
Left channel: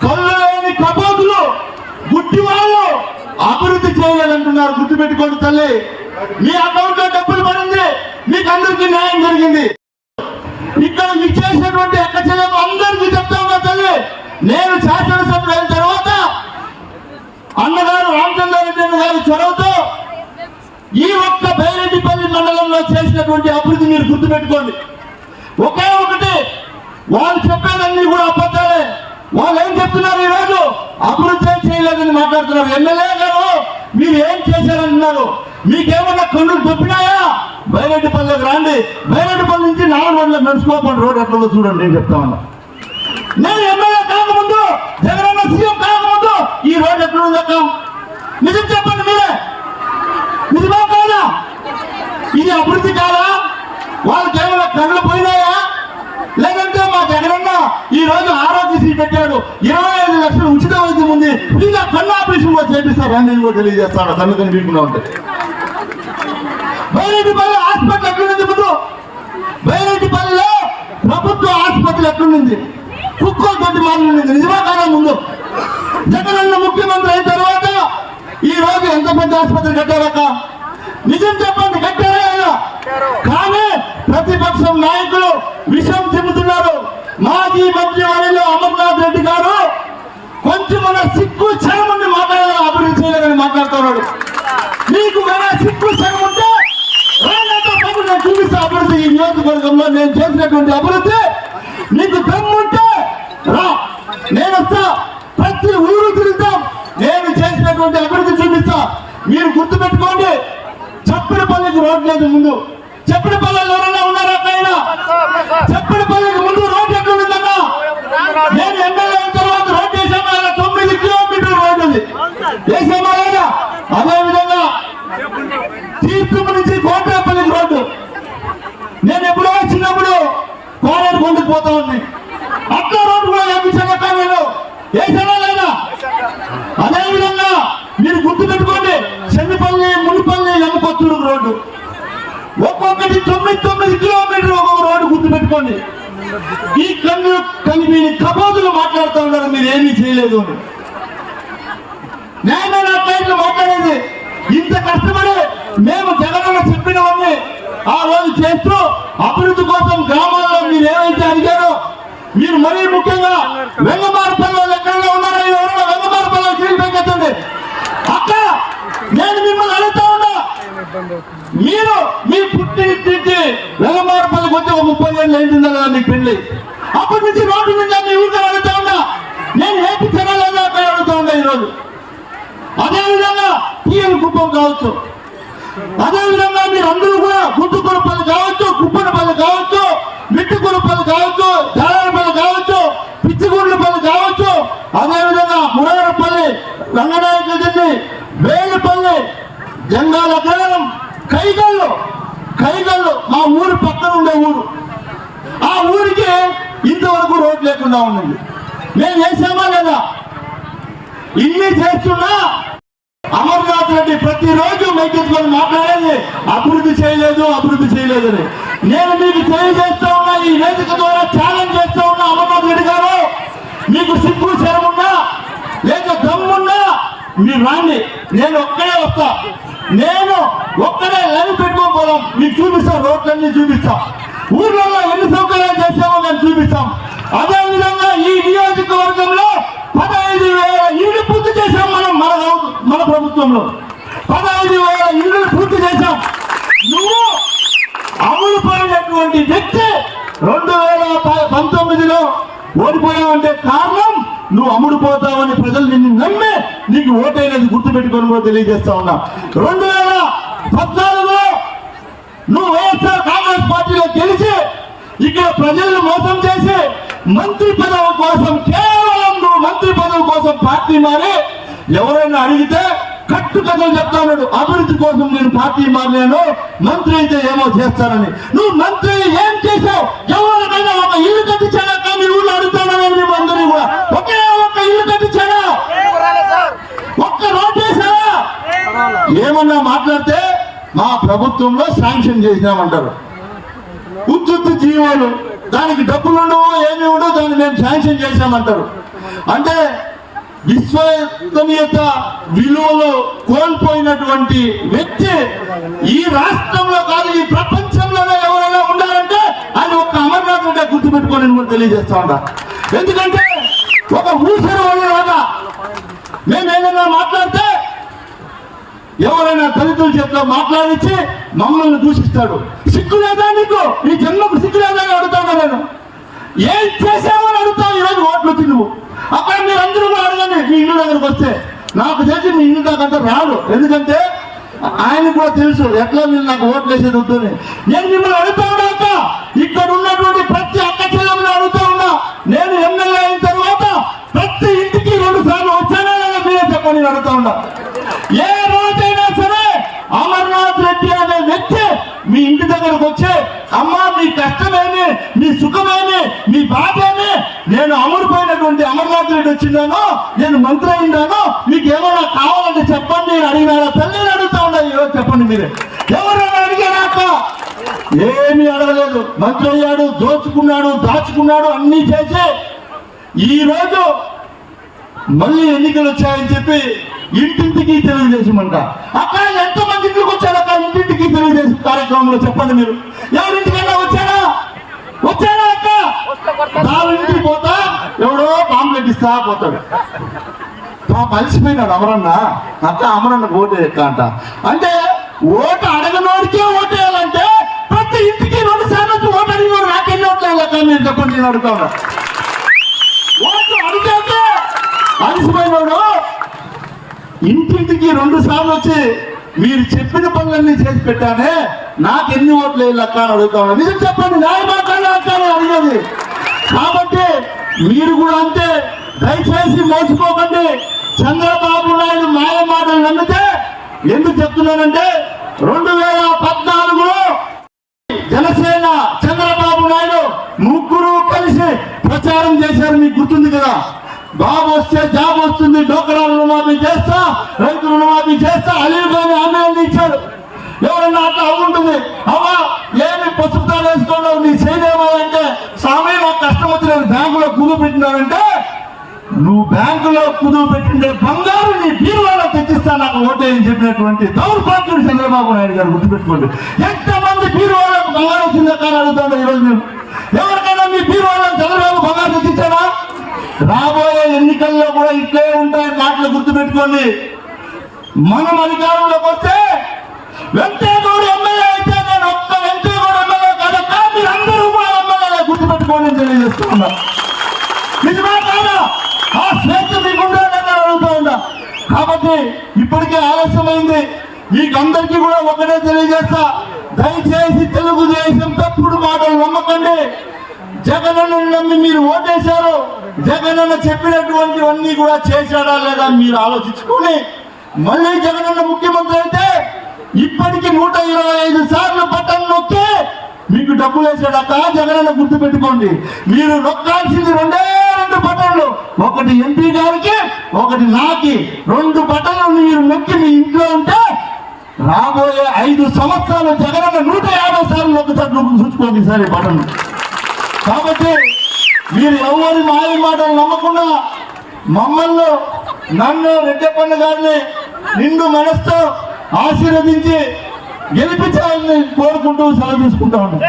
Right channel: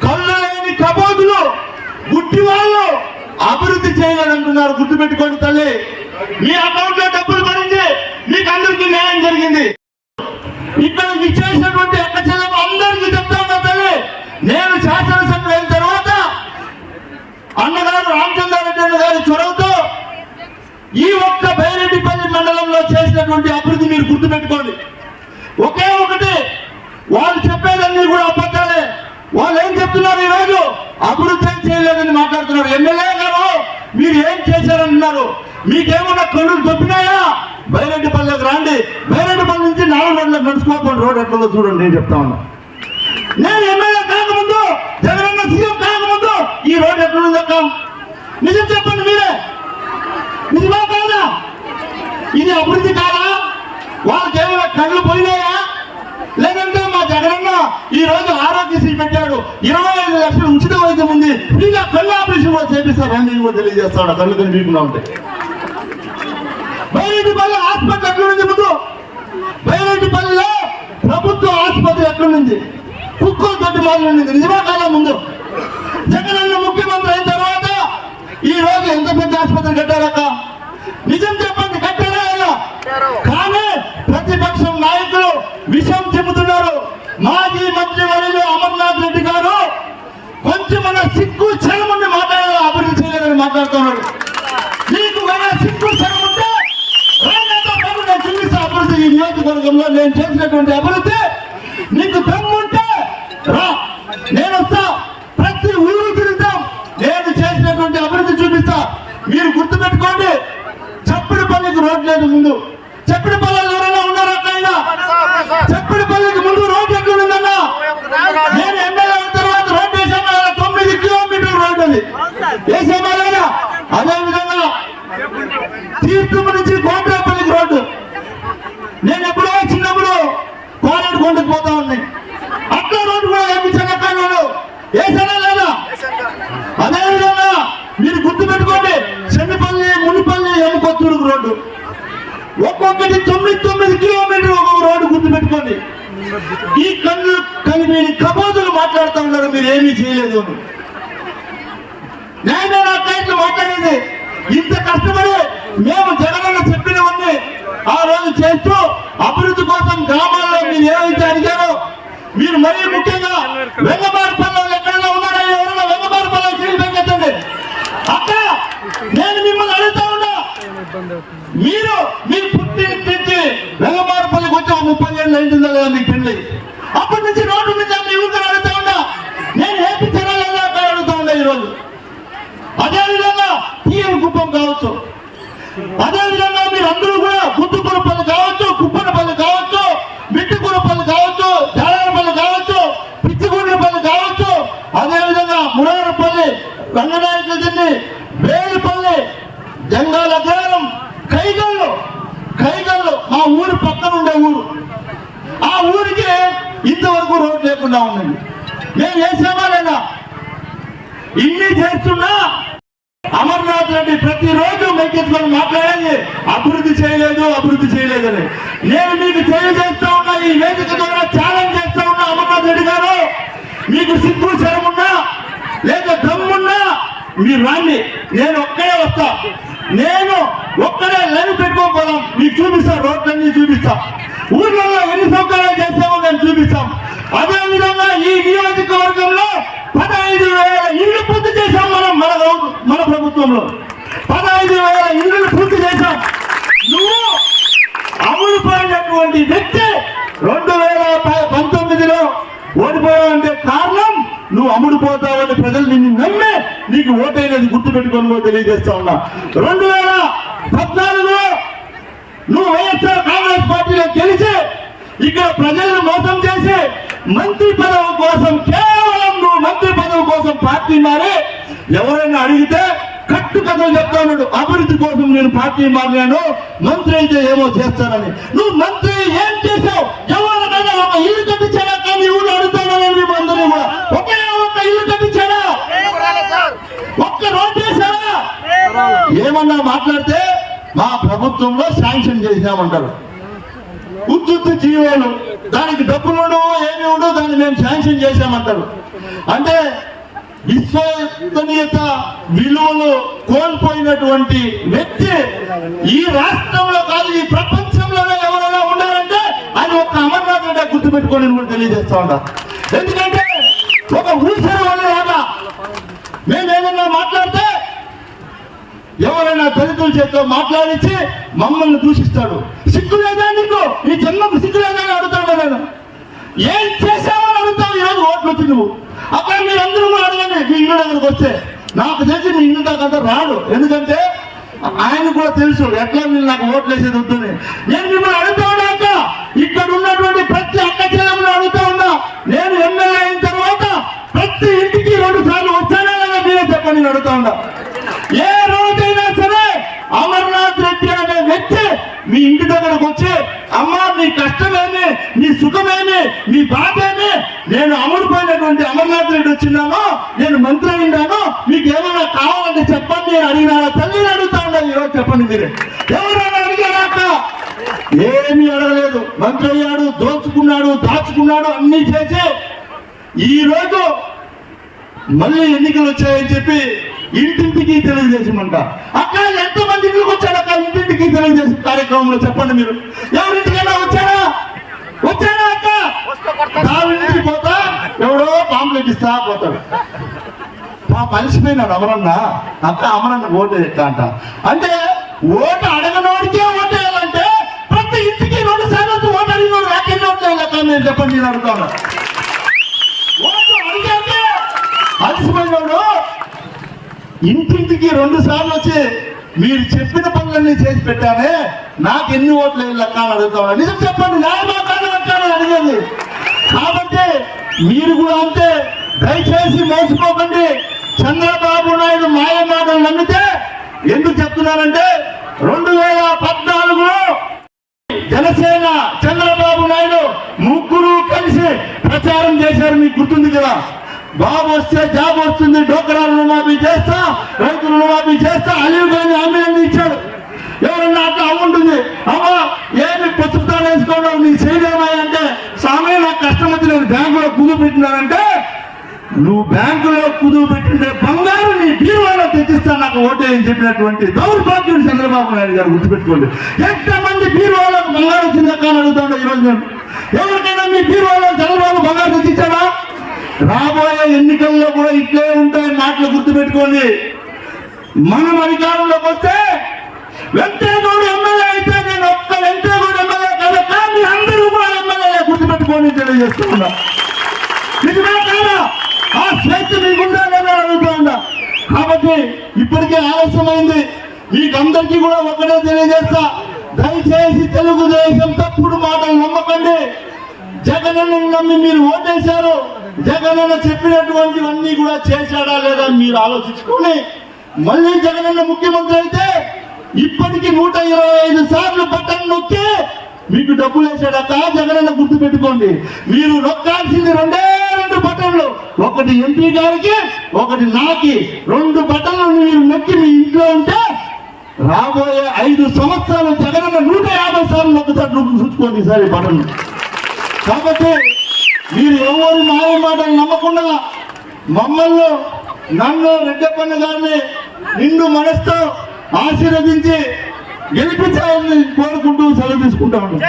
కళ్ళు లేని కబోదులు, గుడ్డి వాళ్ళు అభివృద్ధి చేయాలంటున్నారు. గుర్తుపెట్టుకోండి తల్లి. మీ అకౌంట్ లో డబ్బులు పడింది, మీకు అందరికీ న్యాయం జరిగింది. ఇక్కడ ఇచ్చేసినటువంటి అక్క చెల్లెమ్మ అందరికీ చెప్తా ఉన్నా తల్లి, నేను శాసనసభ్యుడు అయిన తర్వాత అన్నగారు రామచంద్రారెడ్డి గారి చొరవతో ఈ ఒక్క బైరెడ్డిపల్లి మండలంలో చేసినటువంటి అభివృద్ధి మీరు గుర్తుపెట్టుకోండి. ఒకే ఒకటి, వాళ్ళు చెప్పేదన్నీ కూడా అబద్ధాలే. వాళ్ళు ఏం చెప్తున్నారు? ఈరోజు అభివృద్ధి చేయలేదని మాట్లాడుతున్నారు. ఎమ్మెల్యే గారు మీరు ఏం చేశారంటున్నారు? మీకేమన్నా కళ్ళు దొప్పినాయా? బైరెడ్డిపల్లికి రండి. బైరెడ్డిపల్లి నుంచి 4 గంటలకు నడుచుకోకుండా రోడ్ ఎట్లా చూడండి. నేను చెప్తాను. నేను ఎమ్మెల్యే కాకముందు, జగనన్న సీఎం కాకముందు ఈ రోడ్ ఎట్లుంది అక్క? నిజం చెప్పండి మీరే. నిజమా కాదా? ఇది అభివృద్ధి కాదా? వాళ్ళకి ఏమైనా కళ్ళు పోయినాయా? లేదంటే మా జగనన్న ఈ రోజు ఆరోగ్యశ్రీ పెట్టాడు, 25 లక్షలు ఉచిత వైద్యం ఉంది, ఫ్రీగా కళ్ళు ఆపరేషన్ కూడా చేపిస్తారు అని నేను కూడా తెలియజేస్తాడు. కళ్ళు కనిపించకుండా ఉంటే బైరెడ్డిపల్లి హాస్పిటల్ ఎట్లుంది? ముందు బైరెడ్డిపల్లిలో ప్రభుత్వ ఆసుపత్రి ఎట్లుంది? కుక్కలు గడ్డి మాలు ఉంది. నిజమా కాదా? ముందు జగనన్న ముఖ్యమంత్రి అయిన తర్వాత ఈ రోజు ఎంత పెద్ద ఆసుపత్రి కట్టారక్క? నిజం చెప్పండి, కట్టారా? కానీ ప్రతిపక్షం నాయకులు విషయం చెబుతున్నారు. మాజీ మంత్రి వర్యులు అమర్నాథ్ రెడ్డి గారు కొంచెం సిగ్గు చరమని మాట్లాడారు, అభివృద్ధి చేయలేదని మాట్లాడుతున్నాడు. నీకు కానీ సిగ్గు చరం ఉంటే రాళ్ళతో పాటు నేను చూపిస్తా అభివృద్ధి. ఈ నియోజకవర్గంలో నేను చేసినటువంటి అభివృద్ధి నీకు దమ్ముంటే రా, నేను వస్తా. ప్రతి ఊరు తిరుగుతాం, నేను చేసినటువంటి అభివృద్ధి చూపిస్తా. మీరు గుర్తుపెట్టుకోండి, చప్పిడిపల్లికి రోడ్ లేదు. ముందు చప్పిడిపల్లిలో ఎవరైనా ఉన్నారా? అక్కడైనా చప్పిడిపల్లికి ముందు రోడ్ ఎక్కడ ఉందన్నా? నేను ఎమ్మెల్యే అయిన తర్వాత రోడ్ వేసామా? 9 కిలోమీటర్ల రోడ్ ఉంది, వేసామా లేదా? అదేవిధంగా తీర్థం నుంచి కోట్రాపల్లికి రోడ్డు నేను ఎప్పుడో చిన్నప్పుడు వేసానా లేదా? అదేవిధంగా మీరు గుర్తుపెట్టుకోండి, చెన్నపల్లి మునిపల్లి ఎముకొత్తూరు రోడ్డు ఒక్కొక్కటి 9 కిలోమీటర్లు ఒక్కొక్క రోడ్డు గుర్తుపెట్టుకోండి. ఈ కన్ను కలిపి కబోదులు మాట్లాడుతూ ఉన్నారు, మీరు ఏమీ చేయలేదు. న్యాయమైన అట్లా మాట్లాడేది. ఇంత కష్టపడి మేము జగనన్న చెప్పినవన్నీ ఆ రోజు చేస్తూ అభివృద్ధి కోసం గ్రామాల్లో మీరు ఏమైతే అడిగారో, మీరు మరీ ముఖ్యంగా వెంగబారపల్లిలో ఎక్కడైనా ఉన్నారో ఎవరైనా వెంగబారపల్లిలో చేయబెట్టండి. అక్క నేను మిమ్మల్ని అడుగుతా ఉన్నా, మీరు మీ పుట్టింటి వెంగబారపల్లికి వచ్చి 30 ఏళ్ళు అయింటుందా లేదా మీకు పెళ్లి? అప్పటి నుంచి రోడ్డు నుంచి మీ ఊరిని అడుగుతా ఉన్నా, నేను ఏపీ తినలేదా అక్కడ అడుగుతా ఉన్నా ఈరోజు. అదేవిధంగా టీఎన్ కుప్పం కావచ్చు, అదేవిధంగా మీరు అందరూ కూడా గుంటుకొరపల్లి కావచ్చు, కుప్పనపల్లి కావచ్చు, మిట్టికొరపల్లి కావచ్చు, జలాలపల్లి కావచ్చు, పిచ్చిగూడ్లపల్లి కావచ్చు, అదేవిధంగా మురారపల్లి, రంగనాయకుడి, వేలుపల్లి, జంగాల గ్రామం, కైగల్లు మా ఊరి పక్కన ఉండే ఊరు. ఆ ఊరికి ఇంతవరకు రోడ్డు లేకుండా ఉందండి. మేము వేసామా లేదా? ఇన్ని చేస్తున్నా అమర్నాథ్ రెడ్డి ప్రతిరోజు మైకెత్తుకొని మాట్లాడేది అభివృద్ధి చేయలేదని. నేను మీకు తెలియజేస్తా ఉన్నా, ఈ వేదిక ద్వారా ఛాలెంజ్ చేస్తా ఉన్నా, అమర్నాథ్ రెడ్డి గారు మీకు సిగ్గు శరమున్నా లేక దమ్మున్నా మీరు రాండి, నేను ఒక్కడే వస్తా. నేను ఒక్కడే లైవ్ పెట్టుకోకపోవడం మీకు చూపిస్తా, రోడ్లన్నీ చూపిస్తా, ఊర్లలో ఎన్ని సౌకర్యాలు చేస్తామో మేము చూపిస్తాం. అదేవిధంగా ఈ నియోజకవర్గంలో 15,000 ఇళ్ళు పూర్తి చేశాం మన ప్రభుత్వంలో. 15,000 ఇళ్ళు పూర్తి చేశాం. నువ్వు అమలు పడినటువంటి వ్యక్తి 2019లో ఓడిపోయావంటే కారణం నువ్వు అమ్ముడు పోతావని ప్రజలు నిన్ను నమ్మి నీకు ఓటైనది గుర్తుపెట్టుకొని తెలియజేస్తా ఉన్నా. 2014లో నువ్వు వైఎస్ఆర్ కాంగ్రెస్ పార్టీలో గెలిచి ఇక్కడ ప్రజలను మోసం చేసి మంత్రి పదవి కోసం, కేవలం నువ్వు మంత్రి పదవి కోసం పార్టీ మారి ఎవరైనా అడిగితే కట్టు కథలు చెప్తా ఉన్నాడు, అభివృద్ధి కోసం నేను పార్టీ మారినాను, మంత్రి అయితే ఏమో చేస్తానని. నువ్వు మంత్రి ఏం చేశావు? ఎవరికైనా ఒక ఇల్లు కట్టించాడా? కానీ ఊళ్ళో అడుగుతానని మేము అందరూ కూడా ఒకే ఒక్క ఇల్లు కట్టించాడా? ఒక్క రోడ్ చేశారా? ఏమన్నా మాట్లాడితే మా ప్రభుత్వంలో శాంక్షన్ చేసినామంటారు. ఉత్తుత్తి జీవోలు, దానికి డబ్బులు ఉండవు, ఏమి ఉండవు, దాన్ని మేము శాంక్షన్ చేశామంటారు. అంటే విశ్వసనీయత విలువలు కోల్పోయినటువంటి వ్యక్తి ఈ రాష్ట్రంలో కాదు, ఈ ప్రపంచంలోనే ఎవరైనా ఉండాలంటే అది ఒక అమర్నాథ్ రెడ్డి గుర్తుపెట్టుకోని కూడా తెలియజేస్తా ఉంటా. ఎందుకంటే ఒక ఊసరి వల్ల మేమేదైనా మాట్లాడితే ఎవరైనా దళితుల చేతిలో మాట్లాడించి మమ్మల్ని దూషిస్తాడు. సిగ్గు లేదా నీకు? నీ జన్మకు సిగ్గు లేదా అని అడుగుతాను. నేను ఏం చేశామని అడుగుతావు. ఈరోజు ఓట్లు వచ్చి నువ్వు అక్కడ మీరు అందరూ కూడా అడగండి. మీ ఇల్లు దగ్గరకు వస్తే నాకు తెలిసి మీ ఇల్లు దాకా రాడు. ఎందుకంటే ఆయన కూడా తెలుసు ఎట్లా మీరు నాకు ఓట్లు వేసేది వద్దని. నేను మిమ్మల్ని అడుగుతా ఉన్నాక ఇక్కడ ఉన్నటువంటి ప్రతి అక్క చెల్లెమ్మని అడుగుతా ఉన్నా, నేను ఎమ్మెల్యే అయిన తర్వాత ప్రతి ఇంటికి 2 సార్లు వచ్చానా లేదా మీరే చెప్పని నేను అడుగుతా ఉన్నా. ఏ రోజైనా సరే అమర్నాథ్ రెడ్డి అనే వ్యక్తి మీ ఇంటి దగ్గరకు వచ్చి అమ్మా నీ కష్టమేమి, నీ సుఖమేమి, నీ బాధేమి, నేను అమరుపోయినటువంటి అమర్నాథ్ రెడ్డి వచ్చినాను, నేను మంత్రి అయినాను, మీకు ఏమైనా కావాలంటే చెప్పండి నేను అడిగినా? తల్లిని అడుగుతా ఉన్నా ఈరోజు చెప్పండి. మీరే ఎవరైనా అడిగాక ఏమీ అడగలేదు. మంత్రి అయ్యాడు, దోచుకున్నాడు, దాచుకున్నాడు, అన్ని చేసి ఈ రోజు మళ్ళీ ఎన్నికలు వచ్చాయని చెప్పి ఇంటింటికి తెలుగుదేశం అంట. అక్క ఎంతమంది ఇంటికి వచ్చాడు? అక్క ఇంటింటికి తెలుగుదేశం కార్యక్రమంలో చెప్పండి. మీరు ఎవరింటికైనా వచ్చాడా? అక్క ఇంటికి పోతా ఎవడో పాంప్లెట్ ఇస్తా పోతాడు. మనిషిపోయినాడు అమరన్న. అక్క అమరన్న ఓటు ఎక్క అంట. అంటే ఓటు అడగనోడికే ఓటేయాలంటే ప్రతి ఇంటికి 2 సార్లు వచ్చి ఓటు అడిగినోడు నాకెన్ని ఓట్లు లెక్క నేను చెప్పండి. నేను అడుగుతాను. ఓటు అడిగాక అలసిపోయినాడు ఇంటింటికి 2 సార్లు వచ్చి మీరు చెప్పిన పనులన్నీ చేసి పెట్టానే, నాకు ఎన్ని ఓట్లు లెక్క అని అడుగుతాను. నిజం చెప్పండి, న్యాయమాకాన్ని అడిగేది. కాబట్టి మీరు కూడా అంతే. దయచేసి మోసపోకండి. చంద్రబాబు నాయుడు మాయ మాటలు నమ్మితే ఎందుకు చెప్తున్నానంటే 2014లో జనసేన చంద్రబాబు నాయుడు ముగ్గురు కలిసి ప్రచారం చేశారు. మీకు గుర్తుంది కదా? బాబు వస్తే జాబ్ వస్తుంది, డోకరా రుణమాఫీ చేస్తా, రైతు రుణమాఫీ చేస్తా, అలీవ్ గాని ఆమె ఇచ్చాడు. ఎవరన్నా అట్లా అవుంటుంది, అమ్మా ఏమి పసుపుతా వేసుకోవడం నీ చేయడమే అంటే స్వామి నాకు కష్టం వచ్చిన బ్యాంకులో కుదువు పెట్టినారంటే నువ్వు బ్యాంకులో కుదువు పెట్టిన బంగారు నీ బీరువాలో తెచ్చిస్తా నాకు ఓటేయని చెప్పినటువంటి దౌర్భాగ్యుడు చంద్రబాబు నాయుడు గారు గుర్తుపెట్టుకోండి. ఎంతమంది బీరువాళ్ళకు బంగారు వచ్చిందా కానీ అడుగుతుండే ఈరోజు నేను. ఎవరికైనా మీ బీరువాళ్ళకు చంద్రబాబు బంగారు తెచ్చిచ్చాడా? రాబోయే ఎన్నికల్లో కూడా ఇట్లే ఉంటాయని మాటలు గుర్తుపెట్టుకోండి. మనం అధికారంలోకి వస్తే వెంకటేగౌడ ఎమ్మెల్యే అయితే నేను ఒక్క వెంకటేగౌడ ఎమ్మెల్యే కాదు, కానీ అందరూ కూడా ఎమ్మెల్యే గుర్తుపెట్టుకోండి తెలియజేస్తూ ఉన్నా. నిజమే కాదా? ఆ స్వేచ్ఛ మీకుందా అడుగుతూ ఉందా? కాబట్టి ఇప్పటికే ఆలస్యమైంది. మీకందరికీ కూడా ఒకటే తెలియజేస్తా, దయచేసి తెలుగుదేశం తప్పుడు మాటలు నమ్మకండి. జగనన్న నమ్మి మీరు ఓటేశారు, జగనన్న చెప్పినటువంటివన్నీ కూడా చేశాడా లేదా మీరు ఆలోచించుకొని మళ్ళీ జగనన్న ముఖ్యమంత్రి అయితే ఇప్పటికి 125 సార్లు బటన్ నొక్కి మీకు డబ్బులు వేసాడక్క జగనన్న గుర్తు పెట్టుకోండి. మీరు నొక్కాల్సింది 2 బటన్లు, ఒకటి ఎంపీ గారికి ఒకటి నాకి. 2 బటన్లు మీరు నొక్కి మీ ఇంట్లో ఉంటే రాబోయే 5 సంవత్సరాలు జగనన్న 150 సార్లు నొక్కుతారు. చూసుకోండి సార్ ఈ బటన్. కాబట్టి మీరు ఎవరి మాయ మాటలు నమ్మకుండా మమ్మల్ని నన్ను రెడ్డప్పన్న గారిని నిండు మనసుతో ఆశీర్వదించి గెలిపించాలని కోరుకుంటూ సెలవు తీసుకుంటా ఉన్నాం.